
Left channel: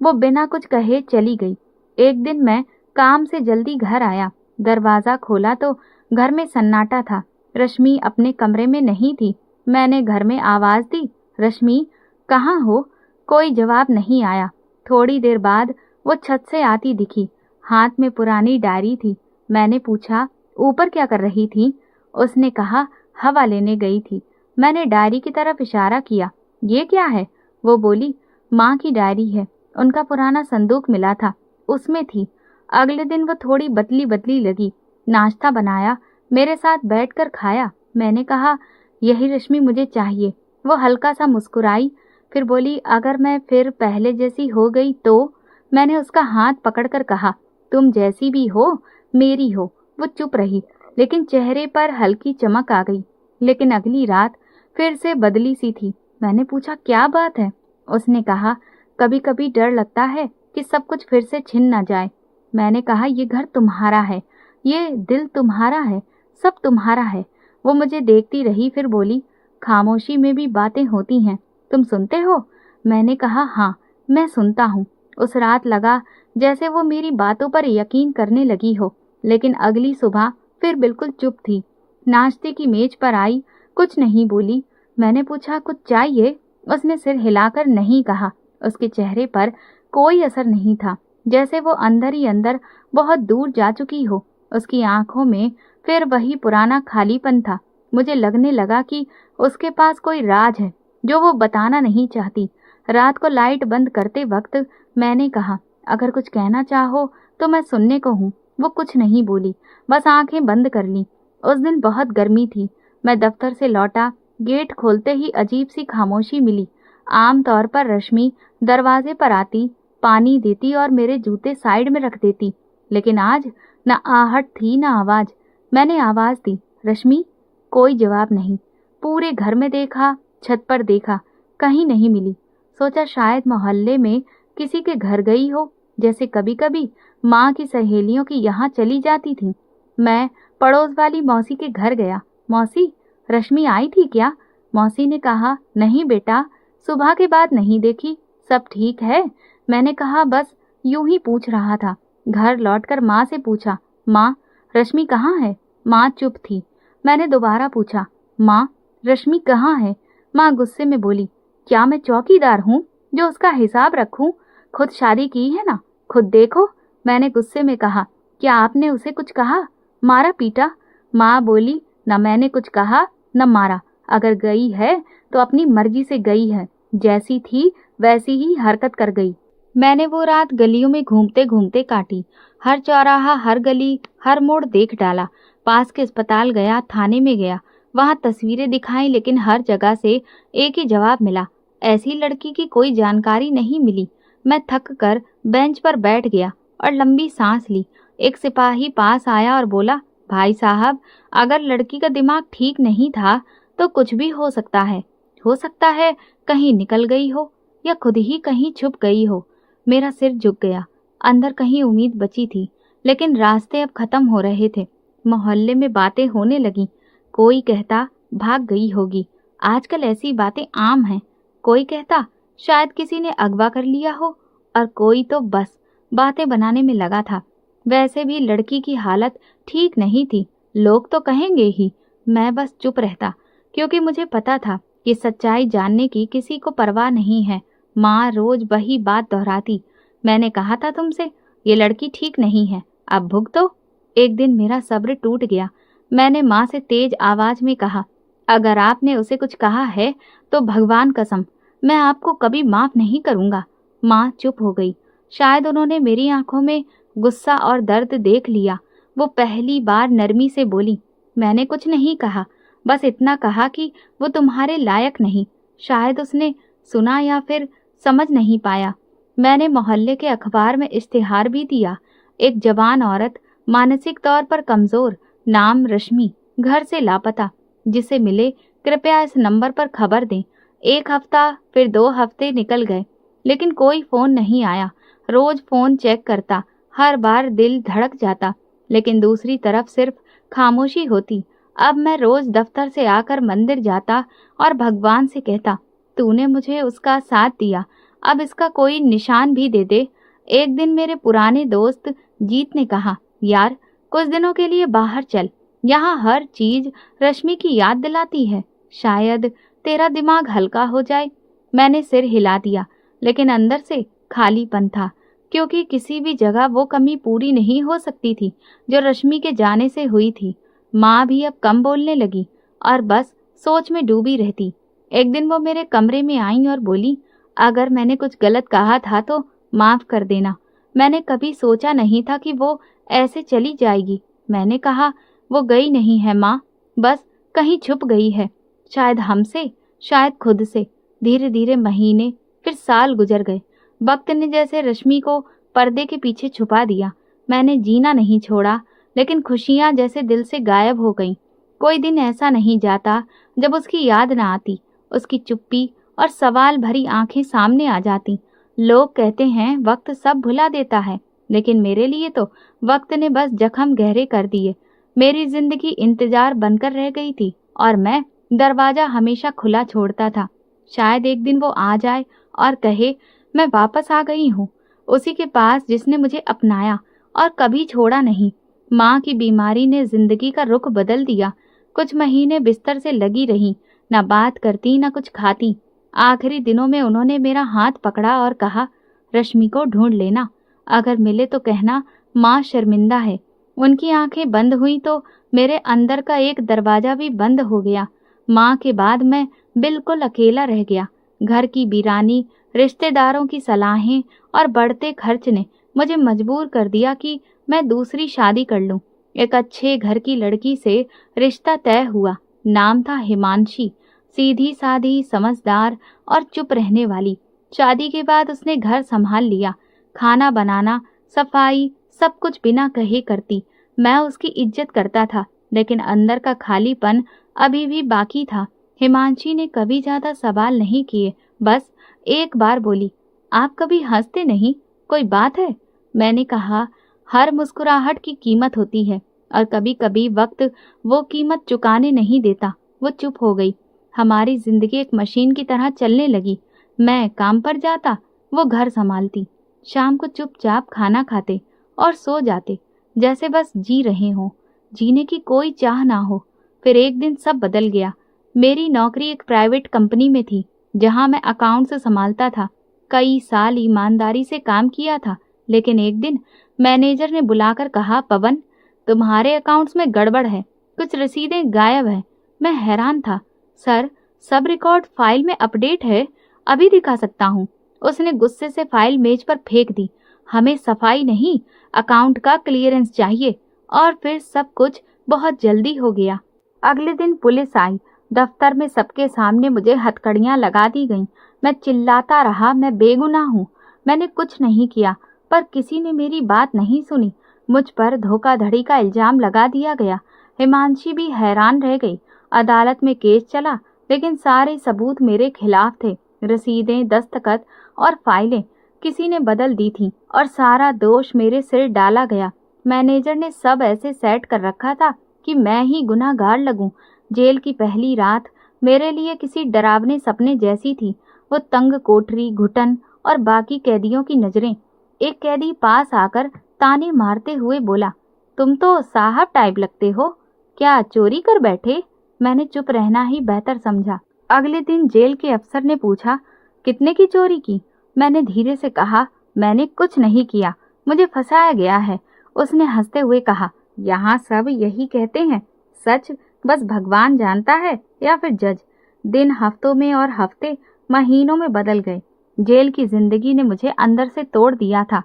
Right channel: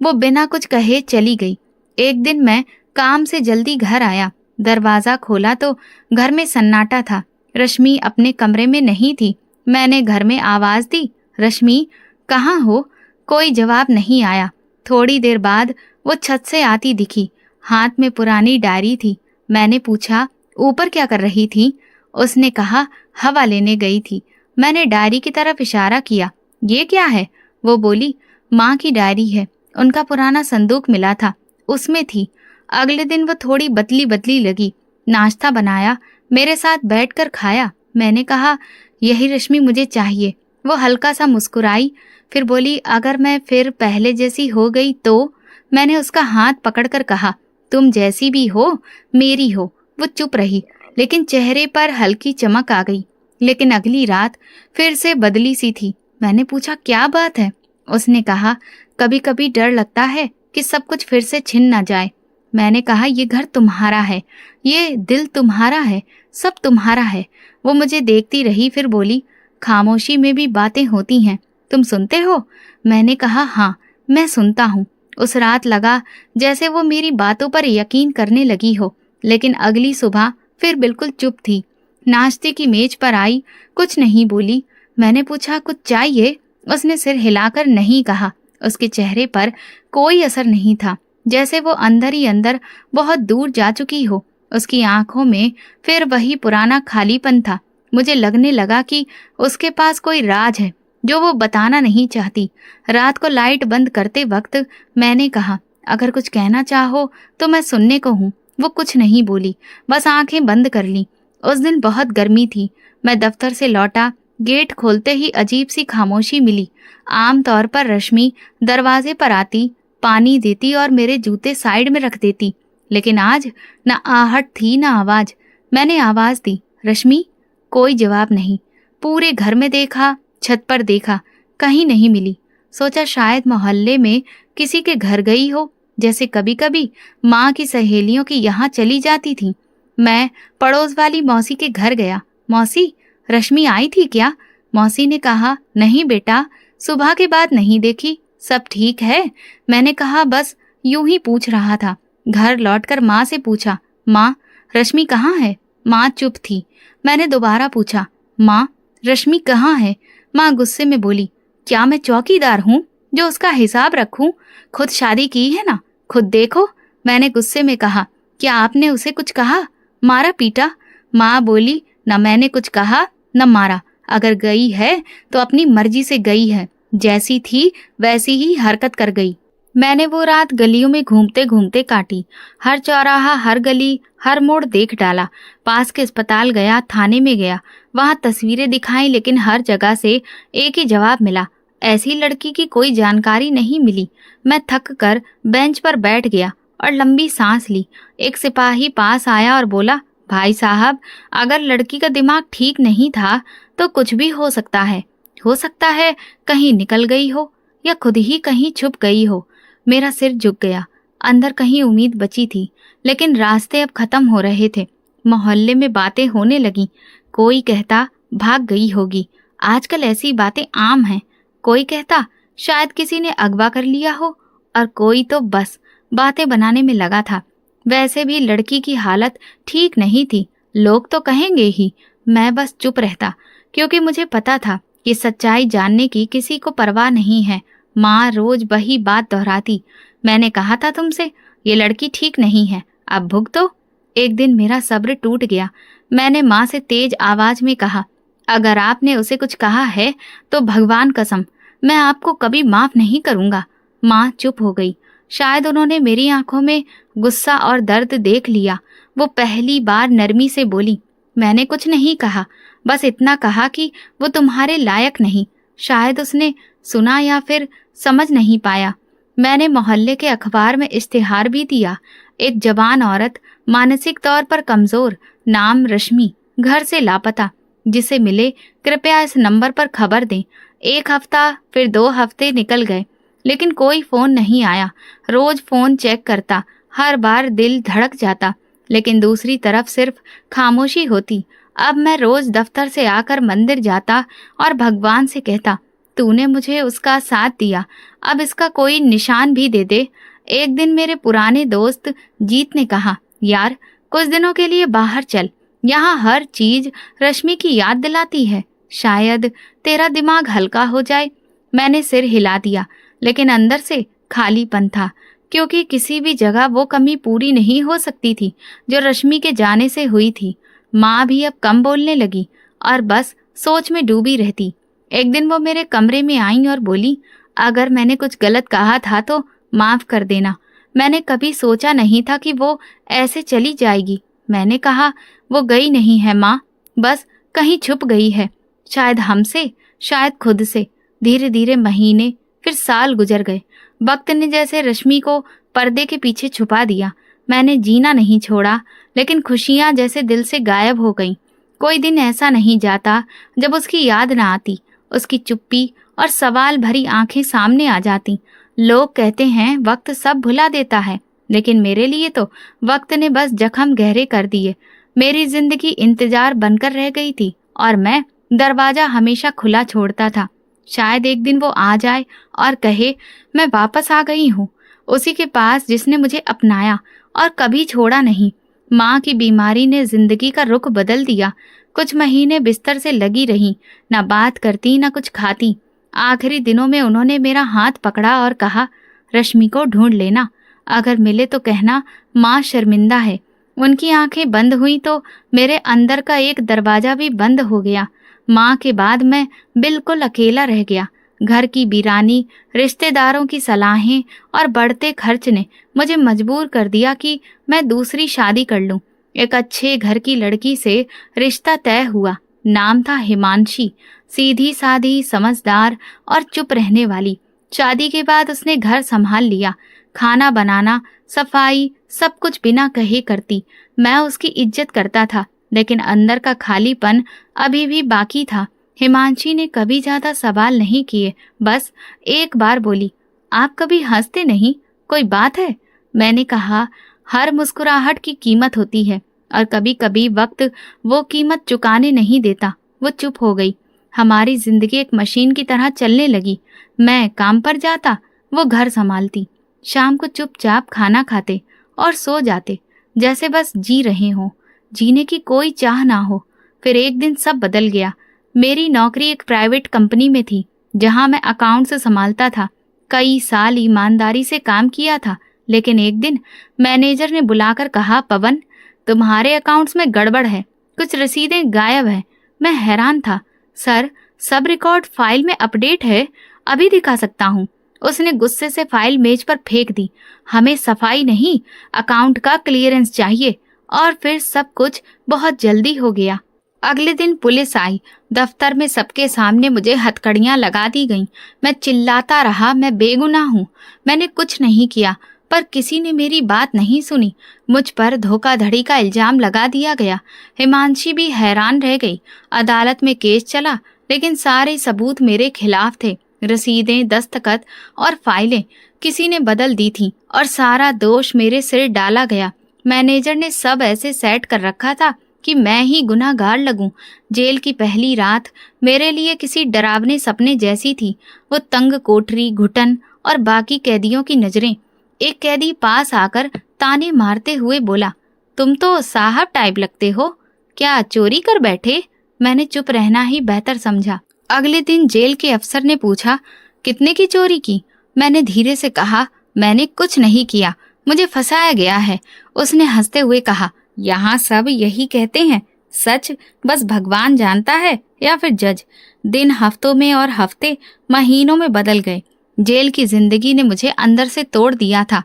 वो बिना कुछ कहे चली गई। एक दिन मैं काम से जल्दी घर आया। दरवाजा खोला तो घर में सन्नाटा था। रश्मि अपने कमरे में नहीं थी। मैंने घर में आवाज दी, रश्मि कहाँ हो? कोई जवाब नहीं आया। थोड़ी देर बाद वो छत से आती दिखी। हाथ में पुरानी डायरी थी। मैंने पूछा, ऊपर क्या कर रही थी? उसने कहा, हवा लेने गई थी। मैंने डायरी की तरफ इशारा किया। ये क्या है? वो बोली, माँ की डायरी है। उनका पुराना संदूक मिला था, उसमें थी। अगले दिन वो थोड़ी बदली बदली लगी। नाश्ता बनाया, मेरे साथ बैठकर खाया। मैंने कहा, यही रश्मि मुझे चाहिए। वो हल्का सा मुस्कुराई, फिर बोली, अगर मैं फिर पहले जैसी हो गई तो? मैंने उसका हाथ पकड़कर कहा, तुम जैसी भी हो, मेरी हो। वो चुप रही, लेकिन चेहरे पर हल्की चमक आ गई। लेकिन अगली रात फिर से बदली सी थी। मैंने पूछा, क्या बात है? उसने कहा, कभी कभी डर लगता है कि सब कुछ फिर से छिन ना जाए। मैंने कहा, ये घर तुम्हारा है, ये दिल तुम्हारा है, सब तुम्हारा है। वो मुझे देखती रही, फिर बोली, खामोशी में भी बातें होती हैं, तुम सुनते हो? मैंने कहा, हाँ, मैं सुनता हूँ। उस रात लगा जैसे वो मेरी बातों पर यकीन करने लगी हो। लेकिन अगली सुबह फिर बिल्कुल चुप थी। नाश्ते की मेज पर आई, कुछ नहीं बोली। मैंने पूछा, कुछ चाहिए? उसने सिर हिलाकर नहीं कहा। उसके चेहरे पर कोई असर नहीं था, जैसे वो अंदर ही अंदर बहुत दूर जा चुकी हो। उसकी आंखों में फिर वही पुराना खालीपन था। मुझे लगने लगा कि उसके पास कोई राज है जो वो बताना नहीं चाहती। रात को लाइट बंद करते वक्त मैंने कहा, अगर कुछ कहना चाहो तो मैं सुनने को हूँ। वो कुछ नहीं बोली, बस आंखें बंद कर ली। उस दिन बहुत गर्मी थी। मैं दफ्तर से लौटा, गेट खोलते ही अजीब सी खामोशी मिली। आम तौर पर रश्मि दरवाजे पर आती, पानी देती और मेरे जूते साइड में रख देती, लेकिन आज न आहट थी न आवाज। मैंने आवाज दी, रश्मि। कोई जवाब नहीं। पूरे घर में देखा, छत पर देखा, कहीं नहीं मिली। सोचा शायद मोहल्ले में किसी के घर गई हो, जैसे कभी कभी माँ की सहेलियों की यहाँ चली जाती थी। मैं पड़ोस वाली मौसी के घर गया। मौसी, रश्मि आई थी क्या? मौसी ने कहा, नहीं बेटा, सुबह के बाद नहीं देखी। सब ठीक है? मैंने कहा, बस यूं ही पूछ रहा था। घर लौटकर माँ से पूछा, माँ, रश्मि कहाँ है? माँ चुप थी। मैंने दोबारा पूछा, माँ, रश्मि कहाँ है? माँ गुस्से में बोली, क्या मैं चौकीदार हूँ जो उसका हिसाब रखूं? खुद शादी की है ना, खुद देखो। मैंने गुस्से में कहा, क्या आपने उसे कुछ कहा? मारा पीटा? माँ बोली, न मैंने कुछ कहा न मारा। अगर गई है तो अपनी मर्जी से गई है, जैसी थी वैसी ही हरकत कर गई। मैंने वो रात गलियों में घूमते घूमते काटी। हर चौराहा, हर गली, हर मोड़ देख डाला। पास के अस्पताल गया, थाने में गया, वहां तस्वीरें दिखाई, लेकिन हर जगह से एक ही जवाब मिला, ऐसी लड़की की कोई जानकारी नहीं मिली। मैं थक कर बेंच पर बैठ गया और लंबी सांस ली। एक सिपाही पास आया और बोला, भाई साहब, अगर लड़की का दिमाग ठीक नहीं था तो कुछ भी हो सकता है। हो सकता है कहीं निकल गई हो या खुद ही कहीं छुप गई हो। मेरा सिर झुक गया। अंदर कहीं उम्मीद बची थी, लेकिन रास्ते अब खत्म हो रहे थे। मोहल्ले में बातें होने लगी। कोई कहता भाग गई होगी, आजकल ऐसी बातें आम हैं। कोई कहता शायद किसी ने अगवा कर लिया हो, और कोई तो बस बातें बनाने में लगा था। वैसे भी लड़की की हालत ठीक नहीं थी, लोग तो कहेंगे ही। मैं बस चुप रहता, क्योंकि मुझे पता था कि सच्चाई जानने की किसी को परवाह नहीं है। माँ रोज वही बात दोहराती, मैंने कहा था तुमसे, ये लड़की ठीक नहीं है, अब भुगतो। एक दिन मेरा सब्र टूट गया। मैंने माँ से तेज आवाज में कहा, अगर आपने उसे कुछ कहा है तो भगवान कसम, मैं आपको कभी माफ नहीं करूंगा। माँ चुप हो गई। शायद उन्होंने मेरी आंखों में गुस्सा और दर्द देख लिया। वो पहली बार नरमी से बोली, मैंने कुछ नहीं कहा, बस इतना कहा कि वो तुम्हारे लायक नहीं। शायद उसने सुना या फिर समझ नहीं पाया। मैंने मोहल्ले के अखबार में इश्तिहार भी दिया। एक जवान औरत, मानसिक तौर पर कमजोर, नाम रश्मि, घर से लापता, जिसे मिले कृपया इस नंबर पर खबर दें। 1 हफ्ता, फिर 2 हफ्ते निकल गए, लेकिन कोई फोन नहीं आया। रोज फोन चेक करता, हर बार दिल धड़क जाता, लेकिन दूसरी तरफ सिर्फ खामोशी होती। अब मैं रोज दफ्तर से आकर मंदिर जाता और भगवान से कहता, तूने मुझे उसका साथ दिया, अब इसका कोई निशान भी दे दे। एक दिन मेरे पुराने दोस्त जीत ने कहा, यार कुछ दिनों के लिए बाहर चल, यहाँ हर चीज रश्मि की याद दिलाती है। शायद तेरा दिमाग हल्का हो जाए। मैंने सिर हिला दिया, लेकिन अंदर से खालीपन था, क्योंकि किसी भी जगह वो कमी पूरी नहीं हो सकती थी जो रश्मि के जाने से हुई थी। माँ भी अब कम बोलने लगी और बस सोच में डूबी रहती। एक दिन वो मेरे कमरे में आई और बोली, अगर मैंने कुछ गलत कहा था तो माफ कर देना। मैंने कभी सोचा नहीं था कि वो ऐसे चली जाएगी। मैंने कहा, वो गई नहीं है माँ, बस कहीं छुप गई है। शायद हमसे, शायद खुद से। धीरे धीरे महीने, फिर साल गुजर गए। वक्त ने जैसे रश्मि को पर्दे के पीछे छुपा दिया। मैंने जीना नहीं छोड़ा, लेकिन खुशियां जैसे दिल से गायब हो गईं। कोई दिन ऐसा नहीं जाता जब उसकी याद ना आती। उसकी चुप्पी और सवाल भरी आंखें सामने आ जाती। लोग कहते हैं वक्त सब भुला देता है, लेकिन मेरे लिए तो वक्त ने बस जख्म गहरे कर दिए। मेरी जिंदगी इंतजार बनकर रह गई थी और मैं दरवाजा हमेशा खुला छोड़ता था। शायद एक दिन वो आ जाए और कहे, मैं वापस आ गई हूँ, उसी के पास जिसने मुझे अपनाया और कभी छोड़ा नहीं। माँ की बीमारी ने जिंदगी का रुख बदल दिया। कुछ महीने बिस्तर से लगी रही, ना बात करती ना कुछ खाती। आखिरी दिनों में उन्होंने मेरा हाथ पकड़ा और कहा, रश्मि को ढूंढ लेना, अगर मिले तो कहना माँ शर्मिंदा है। उनकी आंखें बंद हुई तो मेरे अंदर का एक दरवाजा भी बंद हो गया। माँ के बाद मैं बिल्कुल अकेला रह गया। घर की वीरानी, रिश्तेदारों की सलाहें और बढ़ते खर्च ने मुझे मजबूर कर दिया कि मैं दूसरी शादी कर लूं। एक अच्छे घर की लड़की से रिश्ता तय हुआ। नाम था हिमांशी। सीधी सादी, समझदार और चुप रहने वाली। शादी के बाद उसने घर संभाल लिया। खाना बनाना, सफाई, सब कुछ बिना कहे करती। मैं उसकी इज्जत करता था, लेकिन अंदर का खालीपन अभी भी बाकी था। हिमांशी ने कभी ज्यादा सवाल नहीं किए, बस एक बार बोली, आप कभी हंसते नहीं, कोई बात है? मैंने कहा, हर मुस्कुराहट की कीमत होती है और कभी कभी वक्त वो कीमत चुकाने नहीं देता। वो चुप हो गई। हमारी जिंदगी एक मशीन की तरह चलने लगी। मैं काम पर जाता, वो घर संभालती। शाम को चुपचाप खाना खाते और सो जाते, जैसे बस जी रहे हों, जीने की कोई चाह ना हो। फिर एक दिन सब बदल गया। मेरी नौकरी एक प्राइवेट कंपनी में थी, जहां मैं अकाउंट्स संभालता था। कई साल ईमानदारी से काम किया था, लेकिन एक दिन मैनेजर ने बुलाकर कहा, पवन, तुम्हारे अकाउंट्स में गड़बड़ है, कुछ रसीदें गायब हैं। मैं हैरान था। सर, सब रिकॉर्ड फाइल में अपडेट है, अभी दिखा सकता हूँ। उसने गुस्से से फाइल मेज पर फेंक दी। हमें सफाई नहीं, अकाउंट का क्लियरेंस चाहिए। और फिर सब कुछ बहुत जल्दी हो गया। अगले दिन पुलिस आई। दफ्तर में सबके सामने मुझे हथकड़ियां लगा दी गईं। मैं चिल्लाता रहा, मैं बेगुनाह हूँ, मैंने कुछ नहीं किया। पर किसी ने मेरी बात नहीं सुनी। मुझ पर धोखाधड़ी का इल्जाम लगा दिया गया। हिमांशी भी हैरान रह गई। अदालत में केस चला, लेकिन सारे सबूत मेरे खिलाफ थे। रसीदें, दस्तखत और फाइलें किसी ने बदल दी थी और सारा दोष मेरे सिर डाला गया। मैनेजर ने सब ऐसे सेट कर रखा था कि मैं ही गुनहगार लगूं। जेल की पहली रात मेरे लिए किसी डरावने सपने जैसी थी। वो तंग कोठरी, घुटन और बाकी कैदियों की नजरें। एक कैदी पास आकर ताने मारते हुए बोला, तुम तो साहब टाइप लगते हो, क्या चोरी कर बैठे? मैंने चुप रहना ही बेहतर समझा। अगले दिन जेल के अफसर ने पूछा, कितने की चोरी की? मैंने धीरे से कहा, मैंने कुछ नहीं किया, मुझे फंसाया गया है। उसने हंसते हुए कहा, यहाँ सब यही कहते हैं, सच बस भगवान जानता है या फिर जज। दिन हफ्तों में और हफ्ते महीनों में बदल गए। जेल की जिंदगी ने मुझे अंदर से तोड़ दिया था।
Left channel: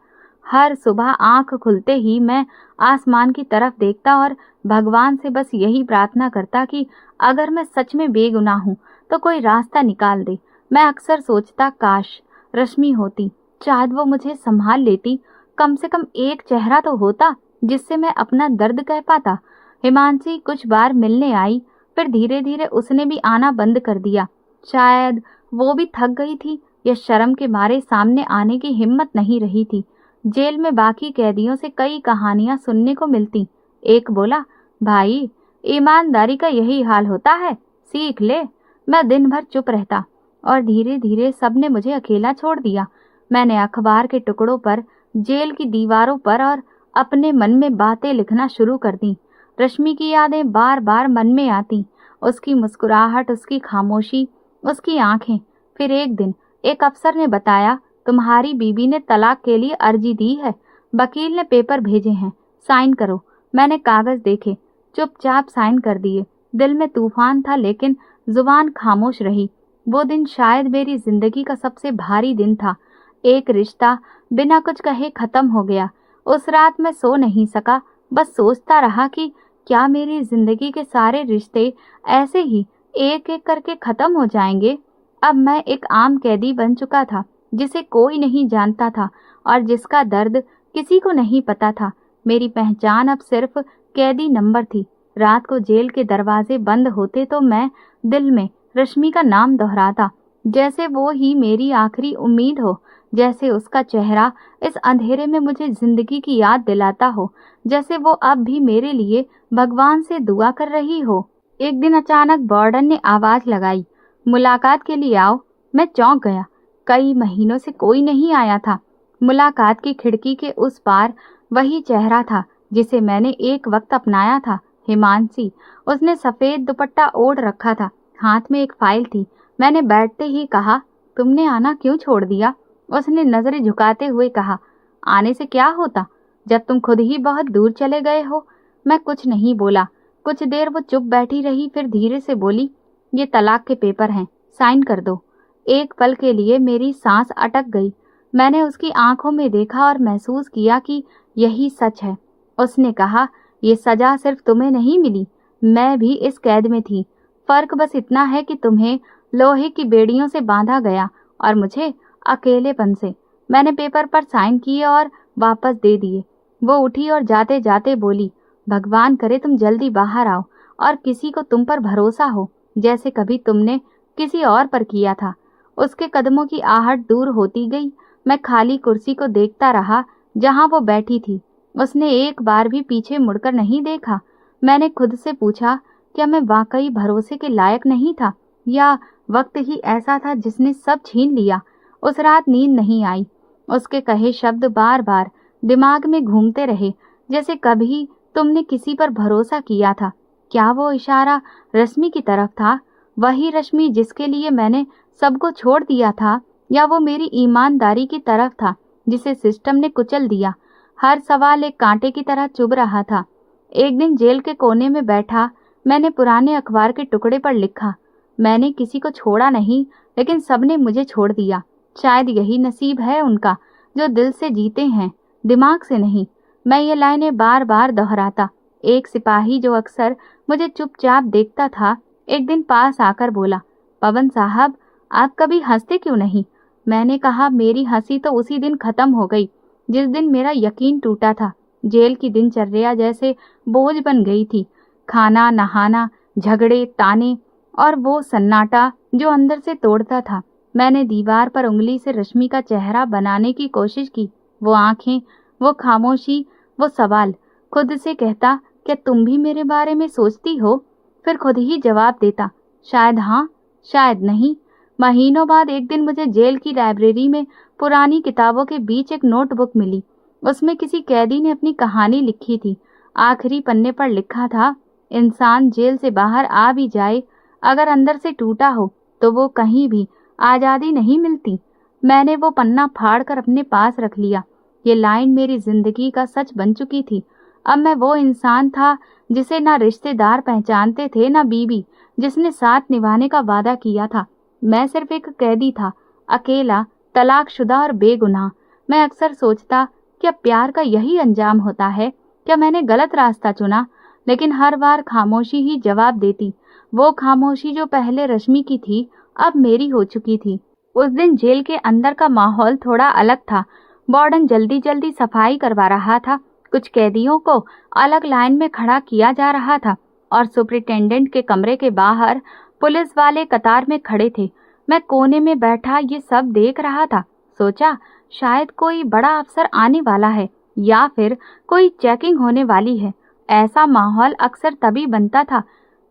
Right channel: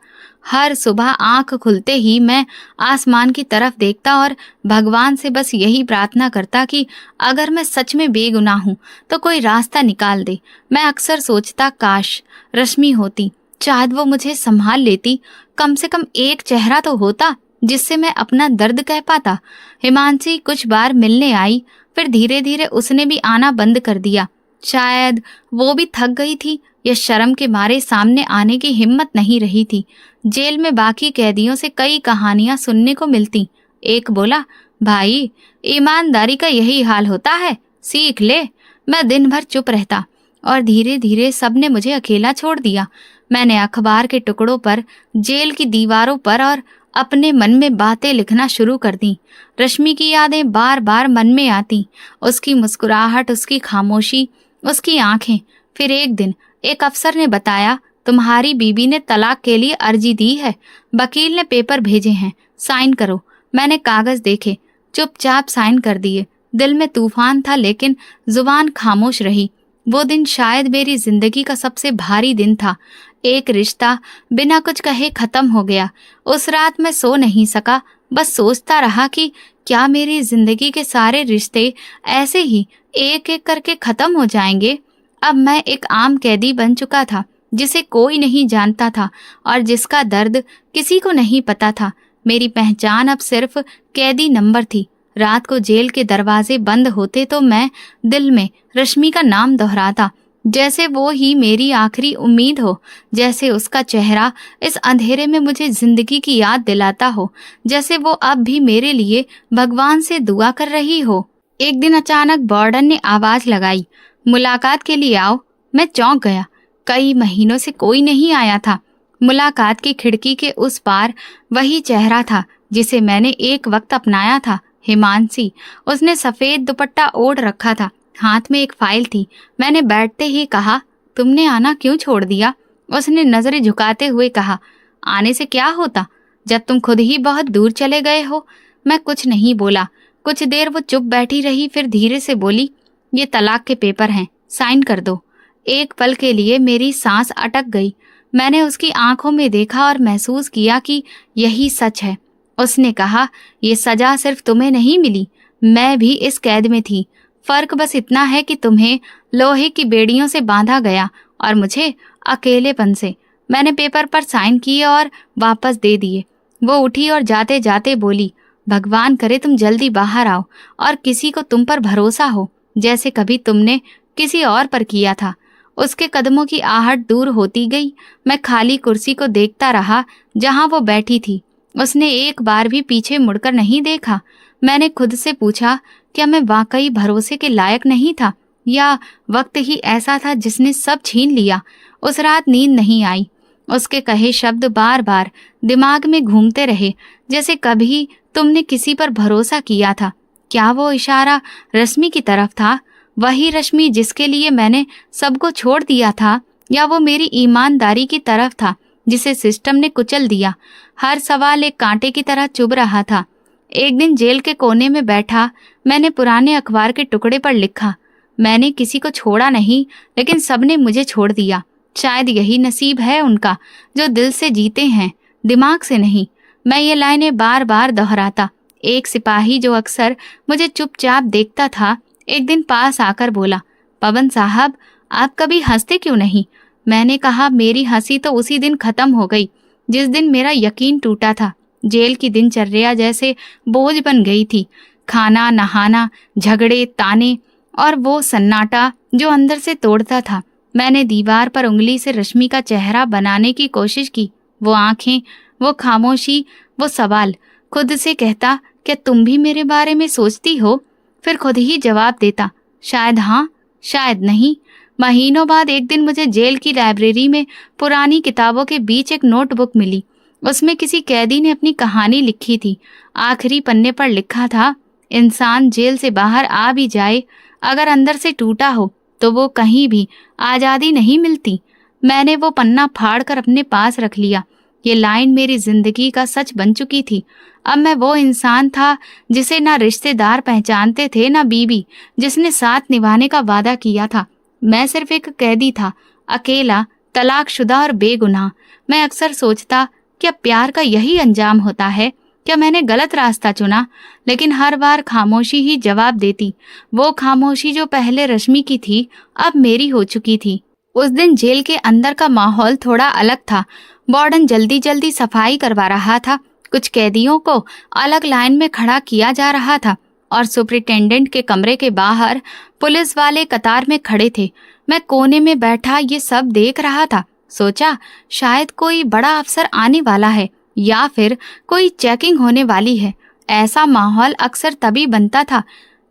हर सुबह आंख खुलते ही मैं आसमान की तरफ देखता और भगवान से बस यही प्रार्थना करता कि अगर मैं सच में बेगुनाह हूँ तो कोई रास्ता निकाल दे। मैं अक्सर सोचता, काश रश्मि होती, शायद वो मुझे संभाल लेती। कम से कम एक चेहरा तो होता जिससे मैं अपना दर्द कह पाता। हिमांशी कुछ बार मिलने आई, फिर धीरे धीरे उसने भी आना बंद कर दिया। शायद वो भी थक गई थी या शर्म के मारे सामने आने की हिम्मत नहीं रही थी। जेल में बाकी कैदियों से कई कहानियां सुनने को मिलती। एक बोला, भाई ईमानदारी का यही हाल होता है, सीख ले। मैं दिन भर चुप रहता और धीरे धीरे सबने मुझे अकेला छोड़ दिया। मैंने अखबार के टुकड़ों पर, जेल की दीवारों पर और अपने मन में बातें लिखना शुरू कर दी। रश्मि की यादें बार बार मन में आती, उसकी मुस्कुराहट, उसकी खामोशी, उसकी आंखें। फिर एक दिन एक अफसर ने बताया, तुम्हारी बीबी ने तलाक के लिए अर्जी दी है, वकील ने पेपर भेजे हैं, साइन करो। मैंने कागज देखे, चुपचाप साइन कर दिए। दिल में तूफान था लेकिन जुबान खामोश रही। वो दिन शायद मेरी जिंदगी का सबसे भारी दिन था। एक रिश्ता बिना कुछ कहे खत्म हो गया। उस रात मैं सो नहीं सका, बस सोचता रहा कि क्या मेरी जिंदगी के सारे रिश्ते ऐसे ही एक एक करके खत्म हो जाएंगे। अब मैं एक आम कैदी बन चुका था, जिसे कोई नहीं जानता था और जिसका दर्द किसी को नहीं पता था। मेरी पहचान अब सिर्फ कैदी नंबर थी। रात को जेल के दरवाजे बंद होते तो मैं दिल में रश्मि का नाम दोहराता, जैसे वो ही मेरी आखिरी उम्मीद हो, जैसे उसका चेहरा इस अंधेरे में मुझे जिंदगी की याद दिलाता हो, जैसे वो अब भी मेरे लिए भगवान से दुआ कर रही हो। एक दिन अचानक वार्डन ने आवाज लगाई, मुलाकात के लिए आओ। मैं चौंक गया। कई महीनों से कोई नहीं आया था। मुलाकात की खिड़की के उस पार वही चेहरा था जिसे मैंने एक वक्त अपनाया था, हिमांशी। उसने सफेद दुपट्टा ओढ़ रखा था, हाथ में एक फाइल थी। मैंने बैठते ही कहा, तुमने आना क्यों छोड़ दिया? उसने नजरें झुकाते हुए कहा, आने से क्या होता जब तुम खुद ही बहुत दूर चले गए हो। मैं कुछ नहीं बोला। कुछ देर वो चुप बैठी रही, फिर धीरे से बोली, ये तलाक के पेपर हैं, साइन कर दो। एक पल के लिए मेरी सांस अटक गई। मैंने उसकी आंखों में देखा और महसूस किया कि यही सच है। उसने कहा, ये सजा सिर्फ तुम्हें नहीं मिली, मैं भी इस कैद में थी। फर्क बस इतना है कि तुम्हें लोहे की बेड़ियों से बांधा गया और मुझे अकेलेपन से। मैंने पेपर पर साइन किए और वापस दे दिए। वो उठी और जाते जाते बोली, भगवान करे तुम जल्दी बाहर आओ और किसी को तुम पर भरोसा हो, जैसे कभी तुमने किसी और पर किया था। उसके कदमों की आहट दूर होती गई। मैं खाली कुर्सी को देखता रहा जहां वो बैठी थी। उसने एक बार भी पीछे मुड़कर नहीं देखा। मैंने खुद से पूछा, क्या मैं वाकई भरोसे के लायक नहीं था, या वक्त ही ऐसा था जिसने सब छीन लिया? उस रात नींद नहीं आई। उसके कहे शब्द बार बार दिमाग में घूमते रहे, जैसे कभी तुमने किसी पर भरोसा किया था। क्या वो इशारा रश्मि की तरफ था? वही रश्मि जिसके लिए मैंने सबको छोड़ दिया था, या वो मेरी ईमानदारी की तरफ था जिसे सिस्टम ने कुचल दिया? हर सवाल एक कांटे की तरह चुभ रहा था। एक दिन जेल के कोने में बैठा मैंने पुराने अखबार के टुकड़े पर लिखा, मैंने किसी को छोड़ा नहीं, लेकिन सबने मुझे छोड़ दिया। शायद यही नसीब है उनका, जो दिल से जीते हैं, दिमाग से नहीं। मैं ये लाइनें बार बार दोहराता। एक सिपाही जो अक्सर मुझे चुपचाप देखता था, एक दिन पास आकर बोला, पवन साहब, आप कभी हंसते क्यों नहीं? मैंने कहा, मेरी हंसी तो उसी दिन खत्म हो गई जिस दिन मेरा यकीन टूटा था। जेल की दिनचर्या जैसे बोझ बन गई थी। खाना, नहाना, झगड़े, ताने और वो सन्नाटा जो अंदर से तोड़ता था। मैंने दीवार पर उंगली से रश्मि का चेहरा बनाने की कोशिश की। वो आंखें, वो खामोशी, वो सवाल। खुद से कहता, क्या तुम भी मेरे बारे में सोचती हो? फिर खुद ही जवाब देता, शायद हाँ, शायद नहीं। महीनों बाद एक दिन मुझे जेल की लाइब्रेरी में पुरानी किताबों के बीच एक नोटबुक मिली। उसमें किसी कैदी ने अपनी कहानी लिखी थी। आखिरी पन्ने पर लिखा था, इंसान जेल से बाहर आ भी जाए, अगर अंदर से टूटा हो तो वो कहीं भी आज़ादी नहीं मिलती। मैंने वो पन्ना फाड़कर अपने पास रख लिया। ये लाइन मेरी जिंदगी का सच बन चुकी थी। अब मैं वो इंसान था जिसे ना रिश्तेदार पहचानते थे, ना बीवी जिसने साथ निभाने का वादा किया था। मैं सिर्फ एक कैदी था, अकेला, तलाकशुदा और बेगुनाह। मैं अक्सर सोचता, क्या प्यार का यही अंजाम होता है? क्या मैंने गलत रास्ता चुना? लेकिन हर बार खामोशी ही जवाब देती। वो खामोशी जो पहले रश्मि की थी, अब मेरी हो चुकी थी। उस दिन जेल के अंदर का माहौल थोड़ा अलग था। वार्डन जल्दी जल्दी सफाई करवा रहा था। कुछ कैदियों को अलग लाइन में खड़ा किया जा रहा था और सुपरिटेंडेंट के कमरे के बाहर पुलिस वाले कतार में खड़े थे। मैं कोने में बैठा ये सब देख रहा था। सोचा, शायद कोई बड़ा अफसर आने वाला है या फिर कोई चेकिंग होने वाली है। ऐसा माहौल अक्सर तभी बनता था।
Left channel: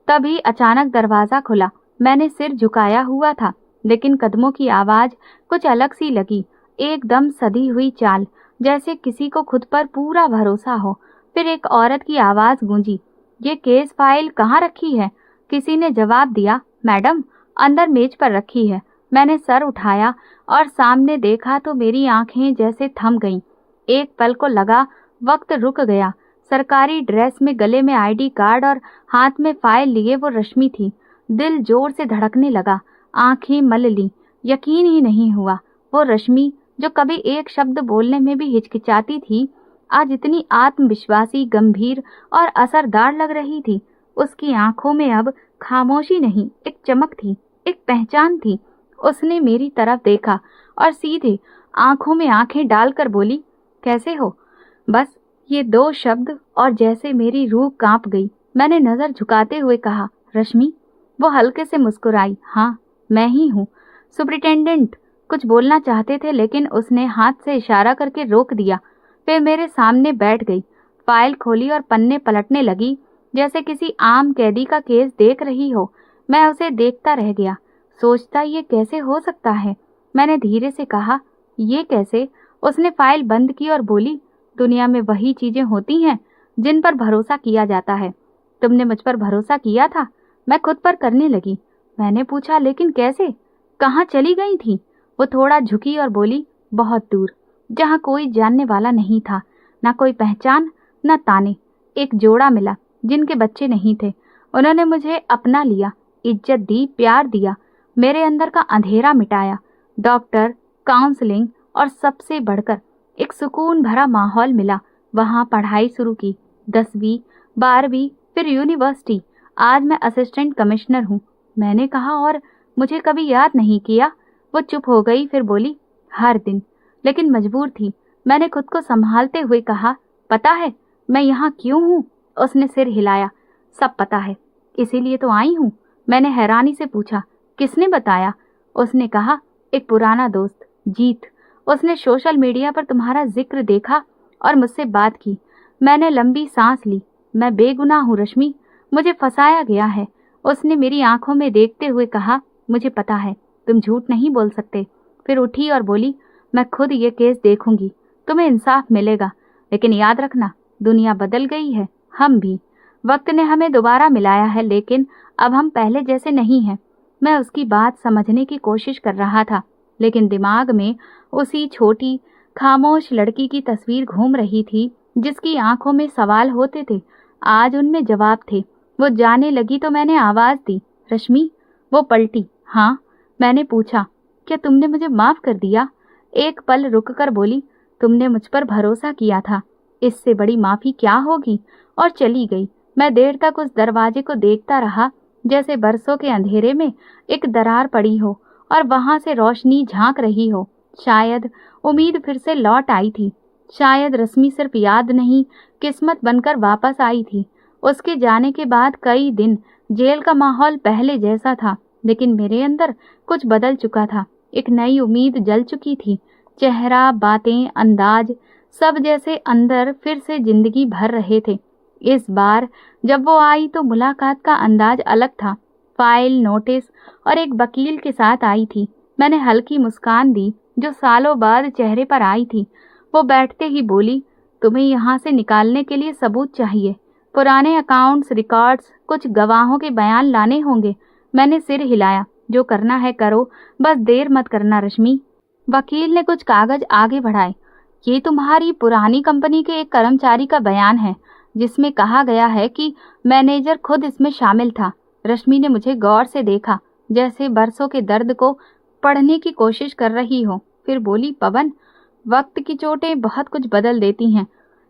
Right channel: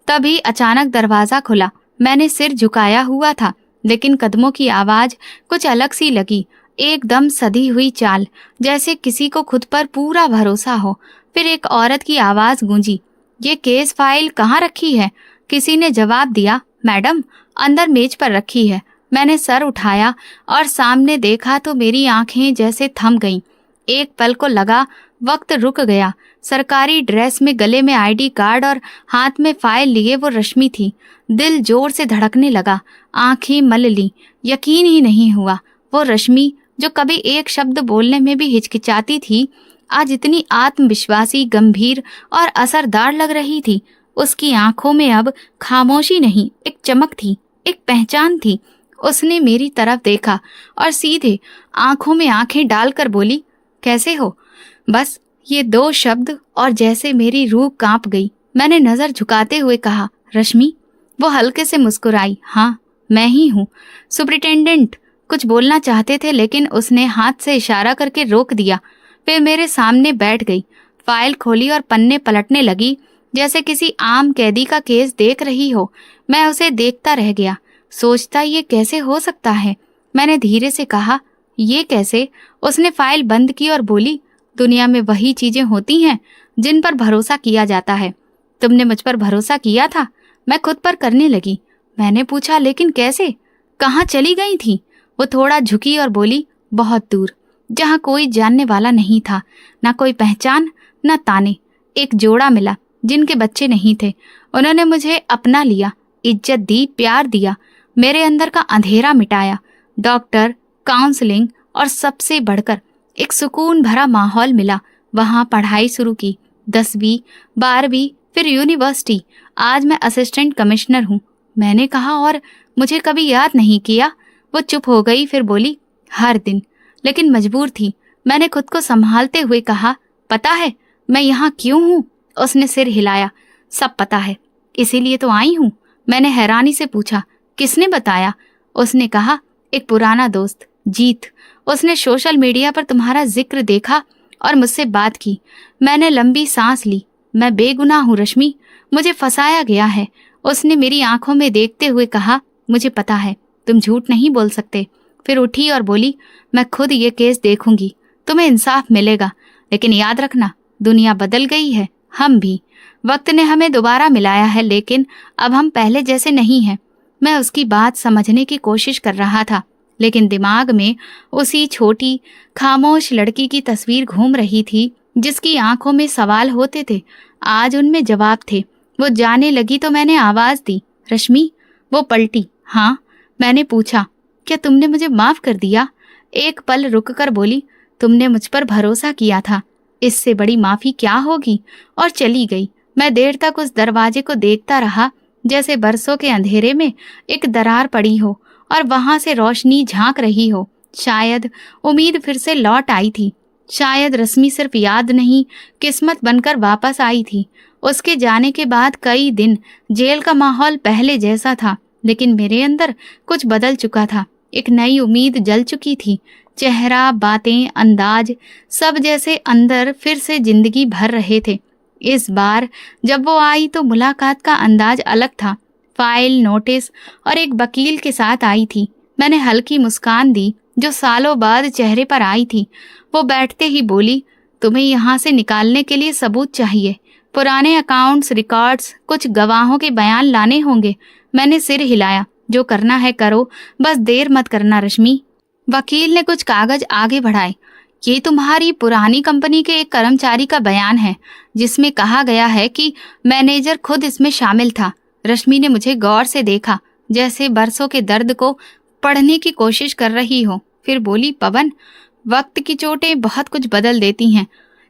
तभी अचानक दरवाजा खुला। मैंने सिर झुकाया हुआ था, लेकिन कदमों की आवाज कुछ अलग सी लगी। एकदम सधी हुई चाल, जैसे किसी को खुद पर पूरा भरोसा हो। फिर एक औरत की आवाज गूंजी, ये केस फाइल कहाँ रखी है? किसी ने जवाब दिया, मैडम, अंदर मेज पर रखी है। मैंने सर उठाया और सामने देखा तो मेरी आंखें जैसे थम गईं। एक पल को लगा वक्त रुक गया। सरकारी ड्रेस में, गले में आईडी कार्ड और हाथ में फाइल लिए वो रश्मि थी। दिल जोर से धड़कने लगा, आंखें मल ली। यकीन ही नहीं हुआ, वो रश्मि जो कभी एक शब्द बोलने में भी हिचकिचाती थी, आज इतनी आत्मविश्वासी, गंभीर और असरदार लग रही थी। उसकी आंखों में अब खामोशी नहीं, एक चमक थी, एक पहचान थी। उसने मेरी तरफ देखा और सीधे आंखों में आंखें डालकर बोली, कैसे हो? बस ये 2 शब्द और जैसे मेरी रूह कांप गई। मैंने नजर झुकाते हुए कहा, रश्मि। वो हल्के से मुस्कुराई, हाँ मैं ही हूँ। सुपरिटेंडेंट कुछ बोलना चाहते थे लेकिन उसने हाथ से इशारा करके रोक दिया। फिर मेरे सामने बैठ गई, फाइल खोली और पन्ने पलटने लगी जैसे किसी आम कैदी का केस देख रही हो। मैं उसे देखता रह गया, सोचता ये कैसे हो सकता है। मैंने धीरे से कहा, ये कैसे? उसने फाइल बंद की और बोली, दुनिया में वही चीजें होती हैं जिन पर भरोसा किया जाता है। तुमने मुझ पर भरोसा किया था। मैं खुद पर करने लगी। मैंने पूछा, लेकिन कैसे? कहाँ चली गई थी? वो थोड़ा झुकी और बोली, बहुत दूर, जहाँ कोई जानने वाला नहीं था, ना कोई पहचान, ना ताने। एक जोड़ा मिला जिनके बच्चे नहीं थे। उन्होंने मुझे अपना लिया, इज्जत दी, प्यार दिया, मेरे अंदर का अंधेरा मिटाया। डॉक्टर, काउंसलिंग और सबसे बढ़कर एक सुकून भरा माहौल मिला। वहां पढ़ाई शुरू की, 10वीं, 12वीं, फिर यूनिवर्सिटी। आज मैं असिस्टेंट कमिश्नर हूँ। मैंने कहा, और मुझे कभी याद नहीं किया? वो चुप हो गई, फिर बोली, हर दिन, लेकिन मजबूर थी। मैंने खुद को संभालते हुए कहा, पता है मैं यहाँ क्यों हूँ? उसने सिर हिलाया, सब पता है, इसीलिए तो आई हूँ। मैंने हैरानी से पूछा, किसने बताया? उसने कहा, एक पुराना दोस्त, जीत। उसने सोशल मीडिया पर तुम्हारा जिक्र देखा और मुझसे बात की। मैंने लंबी सांस ली। मैं बेगुनाह हूँ रश्मि, मुझे फंसाया गया है। उसने मेरी आंखों में देखते हुए कहा, मुझे पता है, तुम झूठ नहीं बोल सकते। फिर उठी और बोली, मैं खुद ये केस देखूंगी, तुम्हें इंसाफ मिलेगा। लेकिन याद रखना, दुनिया बदल गई है, हम भी। वक्त ने हमें दोबारा मिलाया है, लेकिन अब हम पहले जैसे नहीं हैं। मैं उसकी बात समझने की कोशिश कर रहा था, लेकिन दिमाग में उसी छोटी खामोश लड़की की तस्वीर घूम रही थी जिसकी आंखों में सवाल होते थे, आज उनमें जवाब थे। वो जाने लगी तो मैंने आवाज दी, रश्मि। वो पलटी, हाँ। मैंने पूछा, क्या तुमने मुझे माफ कर दिया? एक पल रुककर बोली, तुमने मुझ पर भरोसा किया था, इससे बड़ी माफी क्या होगी? और चली गई। मैं देर तक उस दरवाजे को देखता रहा, जैसे बरसों के अंधेरे में एक दरार पड़ी हो और वहां से रोशनी झांक रही हो। शायद उम्मीद फिर से लौट आई थी। शायद रश्मि सिर्फ याद नहीं, किस्मत बनकर वापस आई थी। उसके जाने के बाद कई दिन जेल का माहौल पहले जैसा था, लेकिन मेरे अंदर कुछ बदल चुका था। एक नई उम्मीद जल चुकी थी। चेहरा, बातें, अंदाज, सब जैसे अंदर फिर से जिंदगी भर रहे थे। इस बार जब वो आई तो मुलाकात का अंदाज अलग था। फाइल, नोटिस और एक वकील के साथ आई थी। मैंने हल्की मुस्कान दी जो सालों बाद चेहरे पर आई थी। वो बैठते ही बोली, तुम्हें यहाँ से निकालने के लिए सबूत चाहिए, पुराने अकाउंट्स, रिकॉर्ड्स, कुछ गवाहों के बयान लाने होंगे। मैंने सिर हिलाया, जो करना है करो, बस देर मत करना रश्मि। वकील ने कुछ कागज आगे बढ़ाए। ये तुम्हारी पुरानी कंपनी के एक कर्मचारी का बयान है, जिसमें कहा गया है कि मैनेजर खुद इसमें शामिल था। रश्मि ने मुझे गौर से देखा, जैसे बरसों के दर्द को पढ़ने की कोशिश कर रही हो। फिर बोली, पवन, वक्त की चोटें बहुत कुछ बदल देती हैं,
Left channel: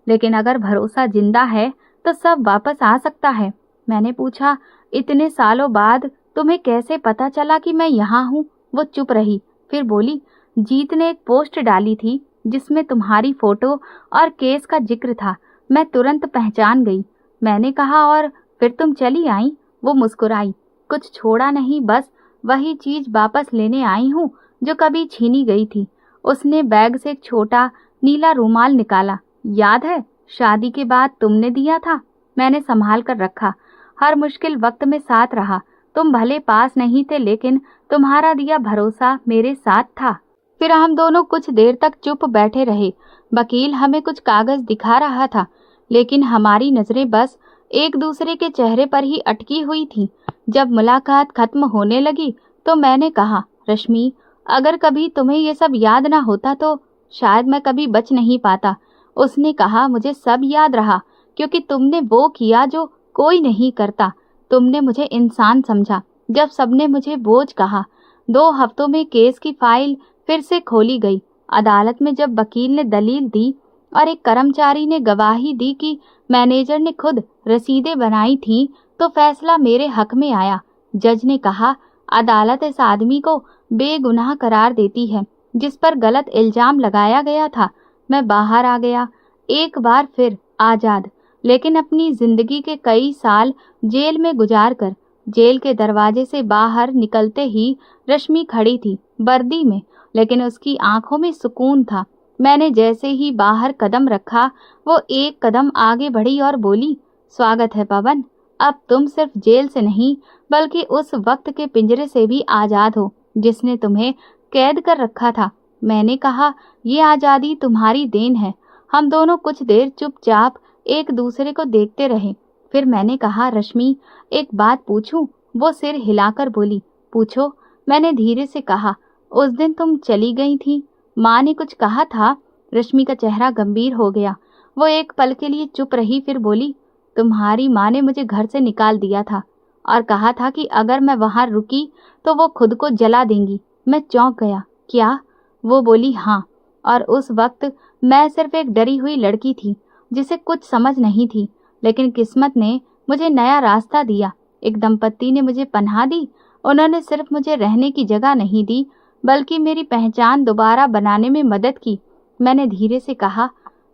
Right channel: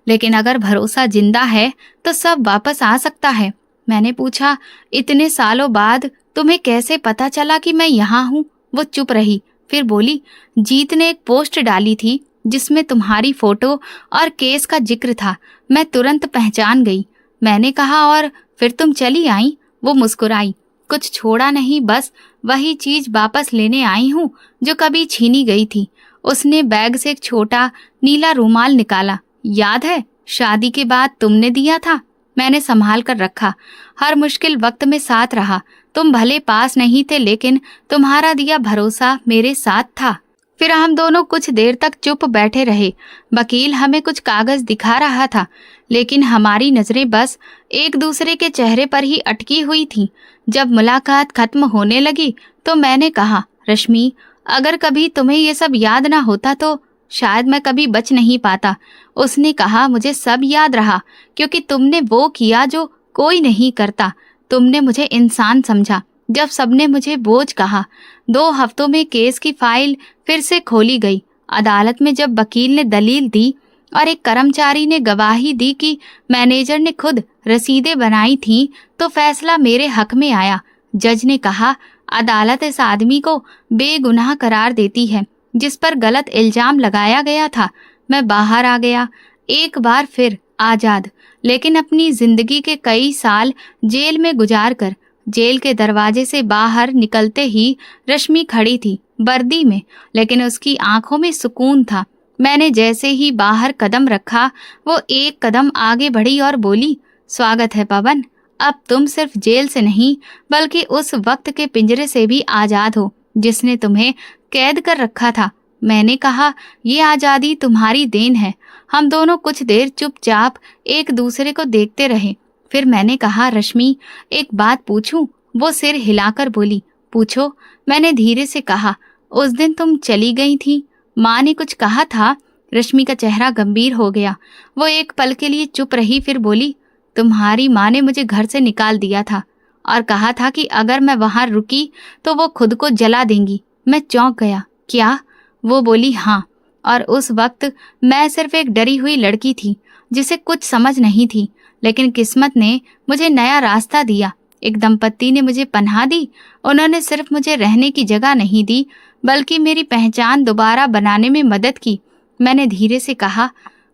लेकिन अगर भरोसा जिंदा है तो सब वापस आ सकता है। मैंने पूछा, इतने सालों बाद तुम्हें कैसे पता चला कि मैं यहाँ हूँ? वो चुप रही, फिर बोली, जीत ने एक पोस्ट डाली थी जिसमें तुम्हारी फोटो और केस का जिक्र था। मैं तुरंत पहचान गई। मैंने कहा, और फिर तुम चली आई? वो मुस्कुराई, कुछ छोड़ा नहीं, बस वही चीज वापस लेने आई हूँ जो कभी छीनी गई थी। उसने बैग से एक छोटा नीला रूमाल निकाला। याद है, शादी के बाद तुमने दिया था। मैंने संभाल कर रखा, हर मुश्किल वक्त में साथ रहा। तुम भले पास नहीं थे, लेकिन तुम्हारा दिया भरोसा मेरे साथ था। फिर हम दोनों कुछ देर तक चुप बैठे रहे। वकील हमें कुछ कागज दिखा रहा था, लेकिन हमारी नजरें बस एक दूसरे के चेहरे पर ही अटकी हुई थीं। जब मुलाकात खत्म होने लगी तो मैंने कहा, रश्मि, अगर कभी तुम्हें ये सब याद ना होता तो शायद मैं कभी बच नहीं पाता। उसने कहा, मुझे सब याद रहा, क्योंकि तुमने वो किया जो कोई नहीं करता। तुमने मुझे इंसान समझा। जब सबने मुझे बोझ कहा, 2 हफ्तों में केस की फाइल फिर से खोली गई। अदालत में जब वकील ने दलील दी और एक कर्मचारी ने गवाही दी कि मैनेजर ने खुद रसीदें बनाई थीं, तो फैसला मेरे हक में आया। जज ने कहा, अदालत इस आदमी को बेगुनाह करार देती है जिस पर गलत इल्जाम लगाया गया था। मैं बाहर आ गया, एक बार फिर आजाद, लेकिन अपनी जिंदगी के कई साल जेल में गुजार कर। जेल के दरवाजे से बाहर निकलते ही रश्मि खड़ी थी, वर्दी में, लेकिन उसकी आंखों में सुकून था। मैंने जैसे ही बाहर कदम रखा, वो एक कदम आगे बढ़ी और बोली, स्वागत है पवन। अब तुम सिर्फ जेल से नहीं बल्कि उस वक्त के पिंजरे से भी आजाद हो जिसने तुम्हें कैद कर रखा था। मैंने कहा, ये आजादी तुम्हारी देन है। हम दोनों कुछ देर चुपचाप एक दूसरे को देखते रहे। फिर मैंने कहा, रश्मि, एक बात पूछूं? वो सिर हिलाकर बोली, पूछो। मैंने धीरे से कहा, उस दिन तुम चली गई थी, माँ ने कुछ कहा था। रश्मि का चेहरा गंभीर हो गया। वो एक पल के लिए चुप रही, फिर बोली, तुम्हारी माँ ने मुझे घर से निकाल दिया था और कहा था कि अगर मैं वहां रुकी तो वो खुद को जला देंगी। मैं चौंक गया। क्या? वो बोली, हाँ। और उस वक्त मैं सिर्फ एक डरी हुई लड़की थी जिसे कुछ समझ नहीं थी, लेकिन किस्मत ने मुझे नया रास्ता दिया। एक दंपत्ति ने मुझे पनाह दी। उन्होंने सिर्फ मुझे रहने की जगह नहीं दी बल्कि मेरी पहचान दोबारा बनाने में मदद की। मैंने धीरे से कहा,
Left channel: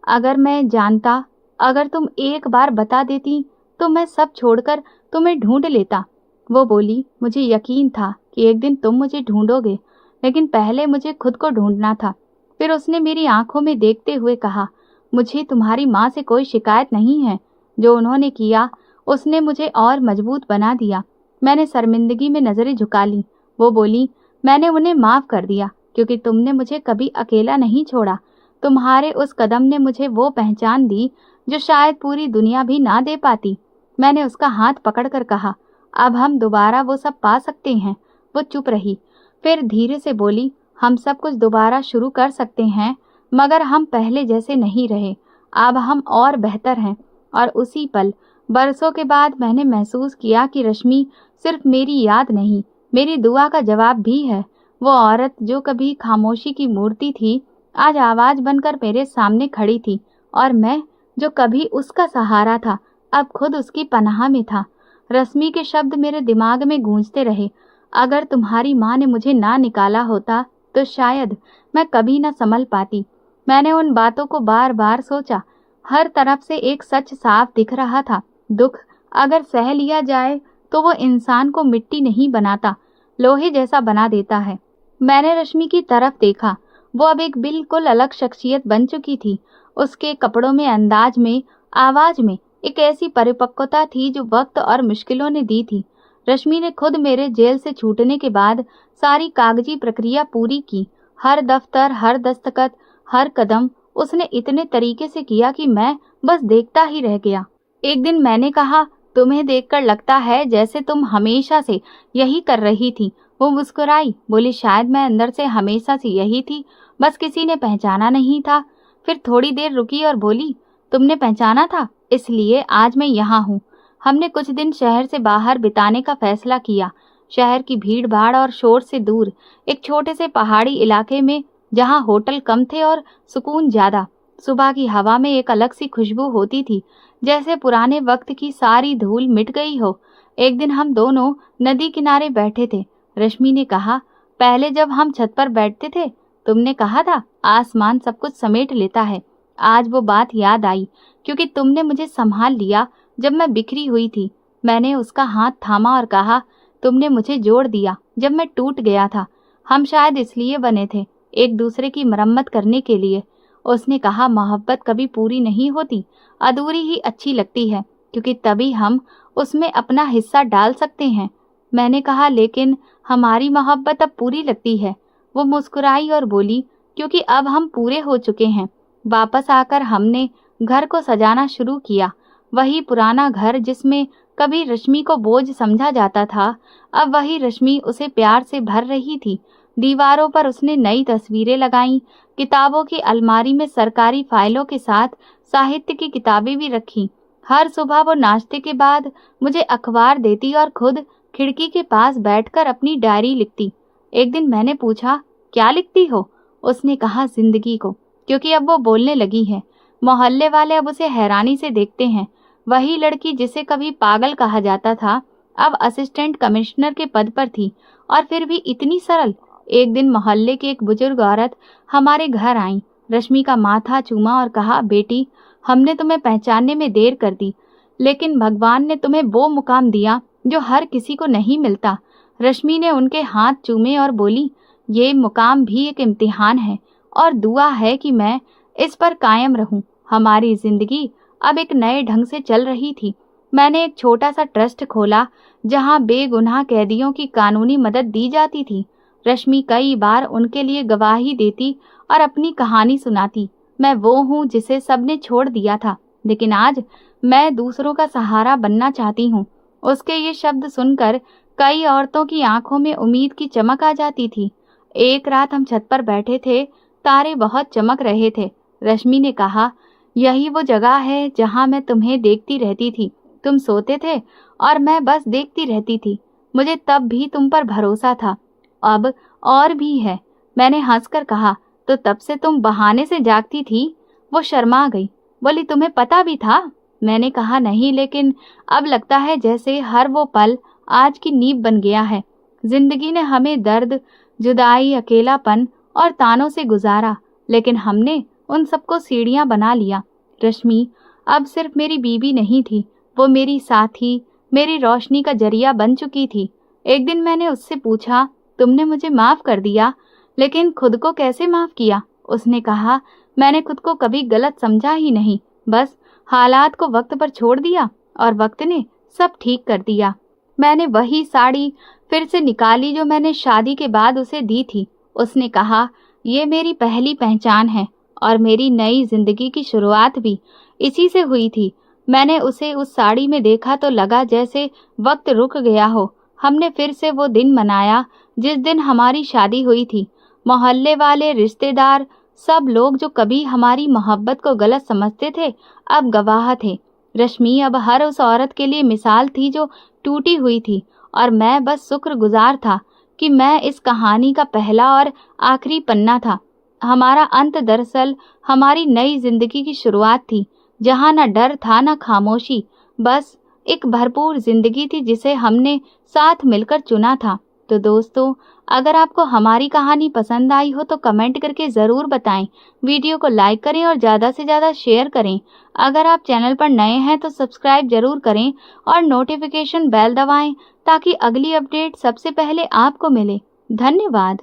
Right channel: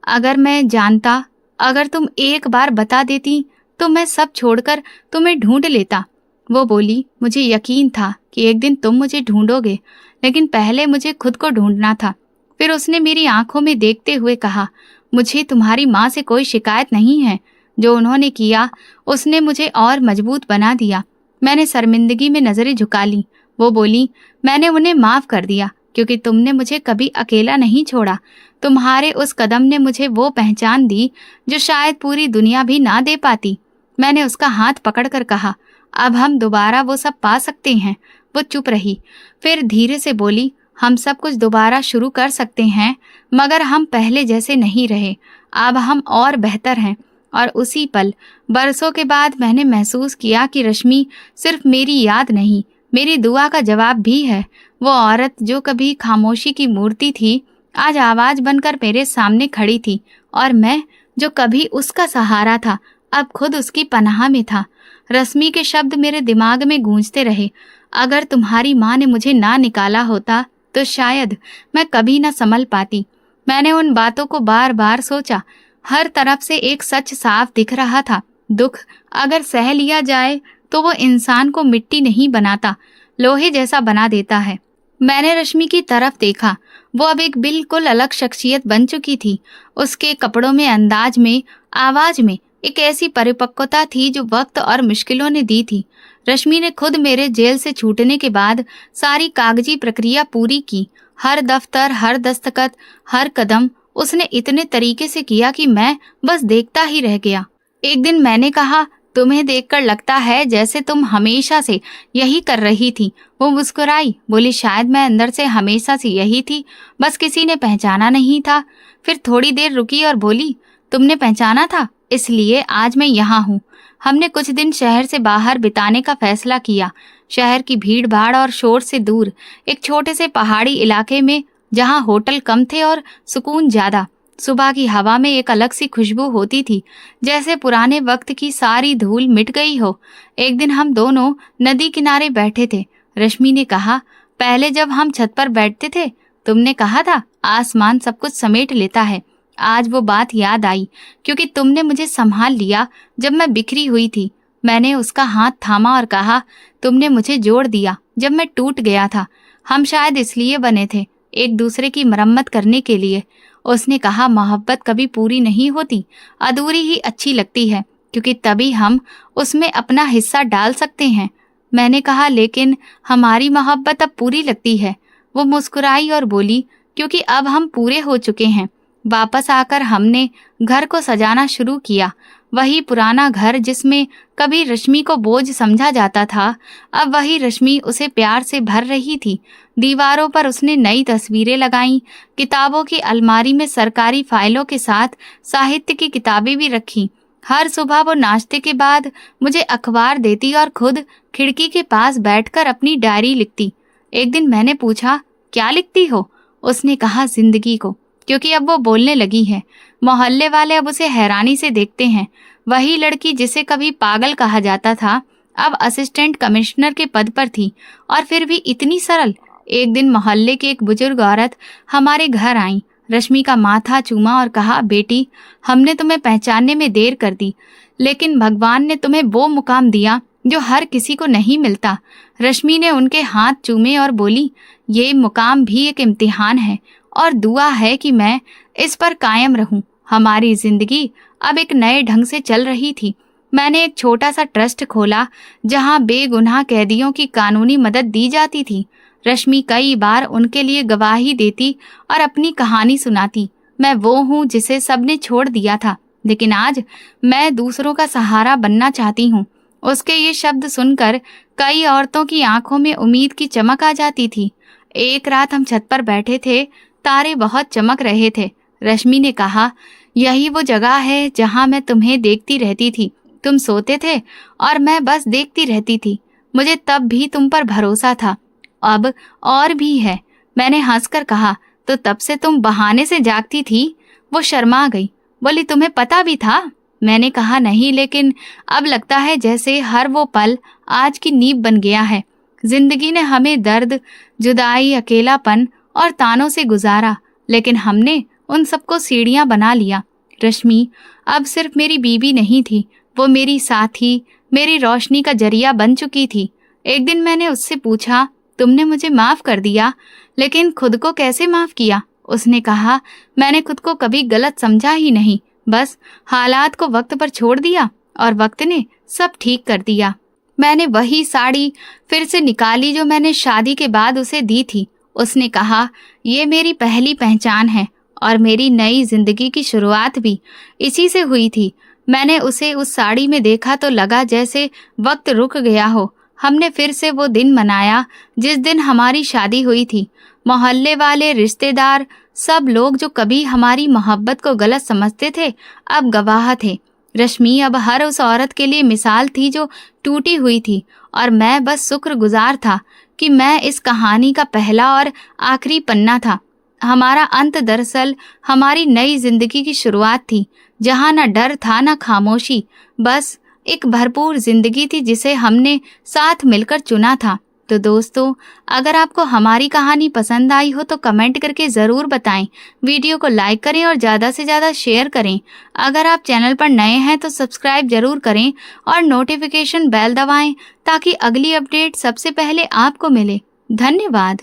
अगर मैं जानता, अगर तुम एक बार बता देती तो मैं सब छोड़कर तुम्हें ढूंढ लेता। वो बोली, मुझे यकीन था कि एक दिन तुम मुझे ढूंढोगे, लेकिन पहले मुझे खुद को ढूंढना था। फिर उसने मेरी आंखों में देखते हुए कहा, मुझे तुम्हारी माँ से कोई शिकायत नहीं है। जो उन्होंने किया उसने मुझे और मजबूत बना दिया। मैंने शर्मिंदगी में नजरें झुका ली। वो बोली, मैंने उन्हें माफ कर दिया क्योंकि तुमने मुझे कभी अकेला नहीं छोड़ा। तुम्हारे उस कदम ने मुझे वो पहचान दी जो शायद पूरी दुनिया भी ना दे पाती। मैंने उसका हाथ पकड़कर कहा, अब हम दोबारा वो सब पा सकते हैं। वो चुप रही, फिर धीरे से बोली, हम सब कुछ दोबारा शुरू कर सकते हैं, मगर हम पहले जैसे नहीं रहे। अब हम और बेहतर हैं। और उसी पल, बरसों के बाद, मैंने महसूस किया कि रश्मि सिर्फ मेरी याद नहीं, मेरी दुआ का जवाब भी है। वो औरत जो कभी खामोशी की मूर्ति थी, आज आवाज बनकर मेरे सामने खड़ी थी, और मैं जो कभी उसका सहारा था, अब खुद उसकी पनाह में था। रश्मि के शब्द मेरे दिमाग में गूंजते रहे। अगर तुम्हारी माँ ने मुझे ना निकाला होता तो शायद मैं कभी ना संभल पाती। मैंने उन बातों को बार बार सोचा। हर तरफ से एक सच साफ दिख रहा था। दुख अगर सह लिया जाए तो वो इंसान को मिट्टी नहीं बनाता, लोहे जैसा बना देता है। मैंने रश्मि की तरफ देखा। वो अब एक बिल्कुल अलग शख्सियत बन चुकी थी। उसके कपड़ों में, अंदाज में, आवाज में एक ऐसी परिपक्वता थी जो वक्त और मुश्किलों ने दी थी। रश्मि ने खुद मेरे जेल से छूटने के बाद सारी कागजी प्रक्रिया पूरी की। हर दफ्तर, हर दस्तखत, हर कदम उसने इतने तरीके से किया कि मैं बस देखता ही रह गया। एक दिन मैंने कहा, तुम्हें देखकर लगता है जैसे तुम हमेशा से यही कर रही थी। वो मुस्कुराई, बोली, शायद मैं अंदर से हमेशा से यही थी, बस किसी ने पहचाना नहीं था। फिर थोड़ी देर रुकी और बोली, तुमने पहचाना था, इसलिए आज मैं यहाँ हूँ। हमने कुछ दिन शहर से बाहर बिताने का फैसला किया। शहर की भीड़ भाड़ और शोर से दूर, एक छोटे से पहाड़ी इलाके में जहाँ होटल कम थे और सुकून ज्यादा। सुबह की हवा में एक अलग सी खुशबू होती थी, जैसे पुराने वक्त की सारी धूल मिट गई हो। एक दिन हम दोनों नदी किनारे बैठे थे। रश्मि ने कहा, पहले जब हम छत पर बैठते थे तुमने कहा था आसमान सब कुछ समेट लेता है। आज वो बात याद आई क्योंकि तुमने मुझे संभाल लिया जब मैं बिखरी हुई थी। मैंने उसका हाथ थामा और कहा, तुमने मुझे जोड़ दिया जब मैं टूट गया था। हम शायद इसलिए बने थे, एक दूसरे की मरम्मत करने के लिए। उसने कहा, मोहब्बत कभी पूरी नहीं होती, अधूरी ही अच्छी लगती है, क्योंकि तभी हम उसमें अपना हिस्सा डाल सकते हैं। मैंने कहा, लेकिन हमारी मोहब्बत अब पूरी लगती है। वो मुस्कुराई और बोली, क्योंकि अब हम पूरे हो चुके हैं। वापस आकर हमने घर को सजाना शुरू किया। वही पुराना घर जिसमें कभी रश्मि को बोझ समझा जाता था, अब वही रश्मि उसे प्यार से भर रही थी। दीवारों पर उसने नई तस्वीरें लगाईं, किताबों की अलमारी में सरकारी फाइलों के साथ साहित्य की किताबें भी रखीं। हर सुबह वो नाश्ते के बाद मुझे अखबार देती और खुद खिड़की के पास बैठकर अपनी डायरी लिखती। एक दिन मैंने पूछा, क्या लिखती हो? उसने कहा, जिंदगी को, क्योंकि अब वो बोलने लगी है। मोहल्ले वाले अब उसे हैरानी से देखते हैं। वही लड़की जिसे कभी पागल कहा जाता था, अब असिस्टेंट कमिश्नर के पद पर थी, और फिर भी इतनी सरल। एक दिन मोहल्ले की एक बुजुर्ग औरत हमारे घर आई। रश्मि का माथा चूमा और कहा, बेटी, हमने तुम्हें पहचानने में देर कर दी, लेकिन भगवान ने तुम्हें वो मुकाम दिया जो हर किसी को नहीं मिलता। रश्मि ने उनके हाथ चूमे और बोली, ये मुकाम भी एक इम्तिहान है और दुआ है कि मैं इस पर कायम रहूं। हमारी जिंदगी अब एक नए ढंग से चल रही थी। मैंने एक छोटा सा ट्रस्ट खोला जहां बेगुनाह कैदियों की कानूनी मदद दी जाती थी। रश्मि कई बार उनके लिए गवाही देती और अपनी कहानी सुनाती। मैं वो हूँ जिसे सबने छोड़ दिया था, लेकिन आज मैं दूसरों का सहारा बनना चाहती हूँ। उसके ये शब्द सुनकर कई औरतों की आंखों में उम्मीद की चमक आ जाती थी। एक रात हम छत पर बैठे थे, तारे बहुत चमक रहे थे। रश्मि ने कहा, यही वो जगह है जहां मैं तुम्हें देखती रहती थी। तुम सोते थे और मैं बस देखती रहती थी। मुझे तब भी तुम पर भरोसा था, अब और भी है। मैंने हंसकर कहा, तो तब से तुम बहाने से जागती थी? वो शर्मा गई, बोली, तुम्हें पता भी था? मैंने कहा, नहीं, लेकिन अब लगता है जैसे हर वो पल आज की नींव बन गया है। जिंदगी ने हमें दर्द, जुदाई, अकेलापन और तानों से गुजारा, लेकिन हमने उन सबको सीढ़ियां बना लिया। रश्मि अब सिर्फ मेरी बीवी नहीं थी, वो मेरी साथी, मेरी रोशनी का जरिया बन चुकी थी। एक दिन मैंने उससे पूछा, तुमने मुझे माफ कर दिया, लेकिन खुद को कैसे माफ किया? उसने कहा, मैंने खुद को कभी गलत समझा ही नहीं, बस हालात को वक्त पर छोड़ दिया और वक्त ने सब ठीक कर दिया। मैंने वही साड़ी फिर से निकाली जो मैंने शादी के बाद उसे दी थी। उसने कहा, ये मेरी पहली पहचान है और मेरी नई जिंदगी की शुरुआत भी इसी से हुई थी। मैंने उसे उस साड़ी में देखा तो लगा जैसे वक्त रुक गया हो। हमने फिर से वो दिन मनाया जिस दिन हमारी शादी हुई थी। मोहल्ले वाले, रिश्तेदार, सब लोग जो कभी हमारी मोहब्बत को गलत समझते थे, अब गवाह थे। रश्मि अब हर उस औरत के लिए मिसाल थी जो टूटी हुई थी, और मैं बस शुक्रगुजार था कि मैं इस कहानी का पहला और आखिरी पन्ना था। हमारा अंत दरअसल हमारी नई जिंदगी की शुरुआत थी, जहां न डर था न खामोशी, बस एक भरपूर जिंदगी थी जिसे हमने साथ मिलकर चुना था। तो दोस्तों, अगर आपको हमारी कहानी पसंद आई हो तो कमेंट करके ज़रूर बताएं। वीडियो को लाइक करें और ज़्यादा से ज़्यादा शेयर करें। अगर आप चैनल पर नए हैं तो सब्सक्राइब जरूर करें और नोटिफिकेशन बेल दबाएं ताकि अगली अपडेट सबसे पहले आपको मिले। धन्यवाद।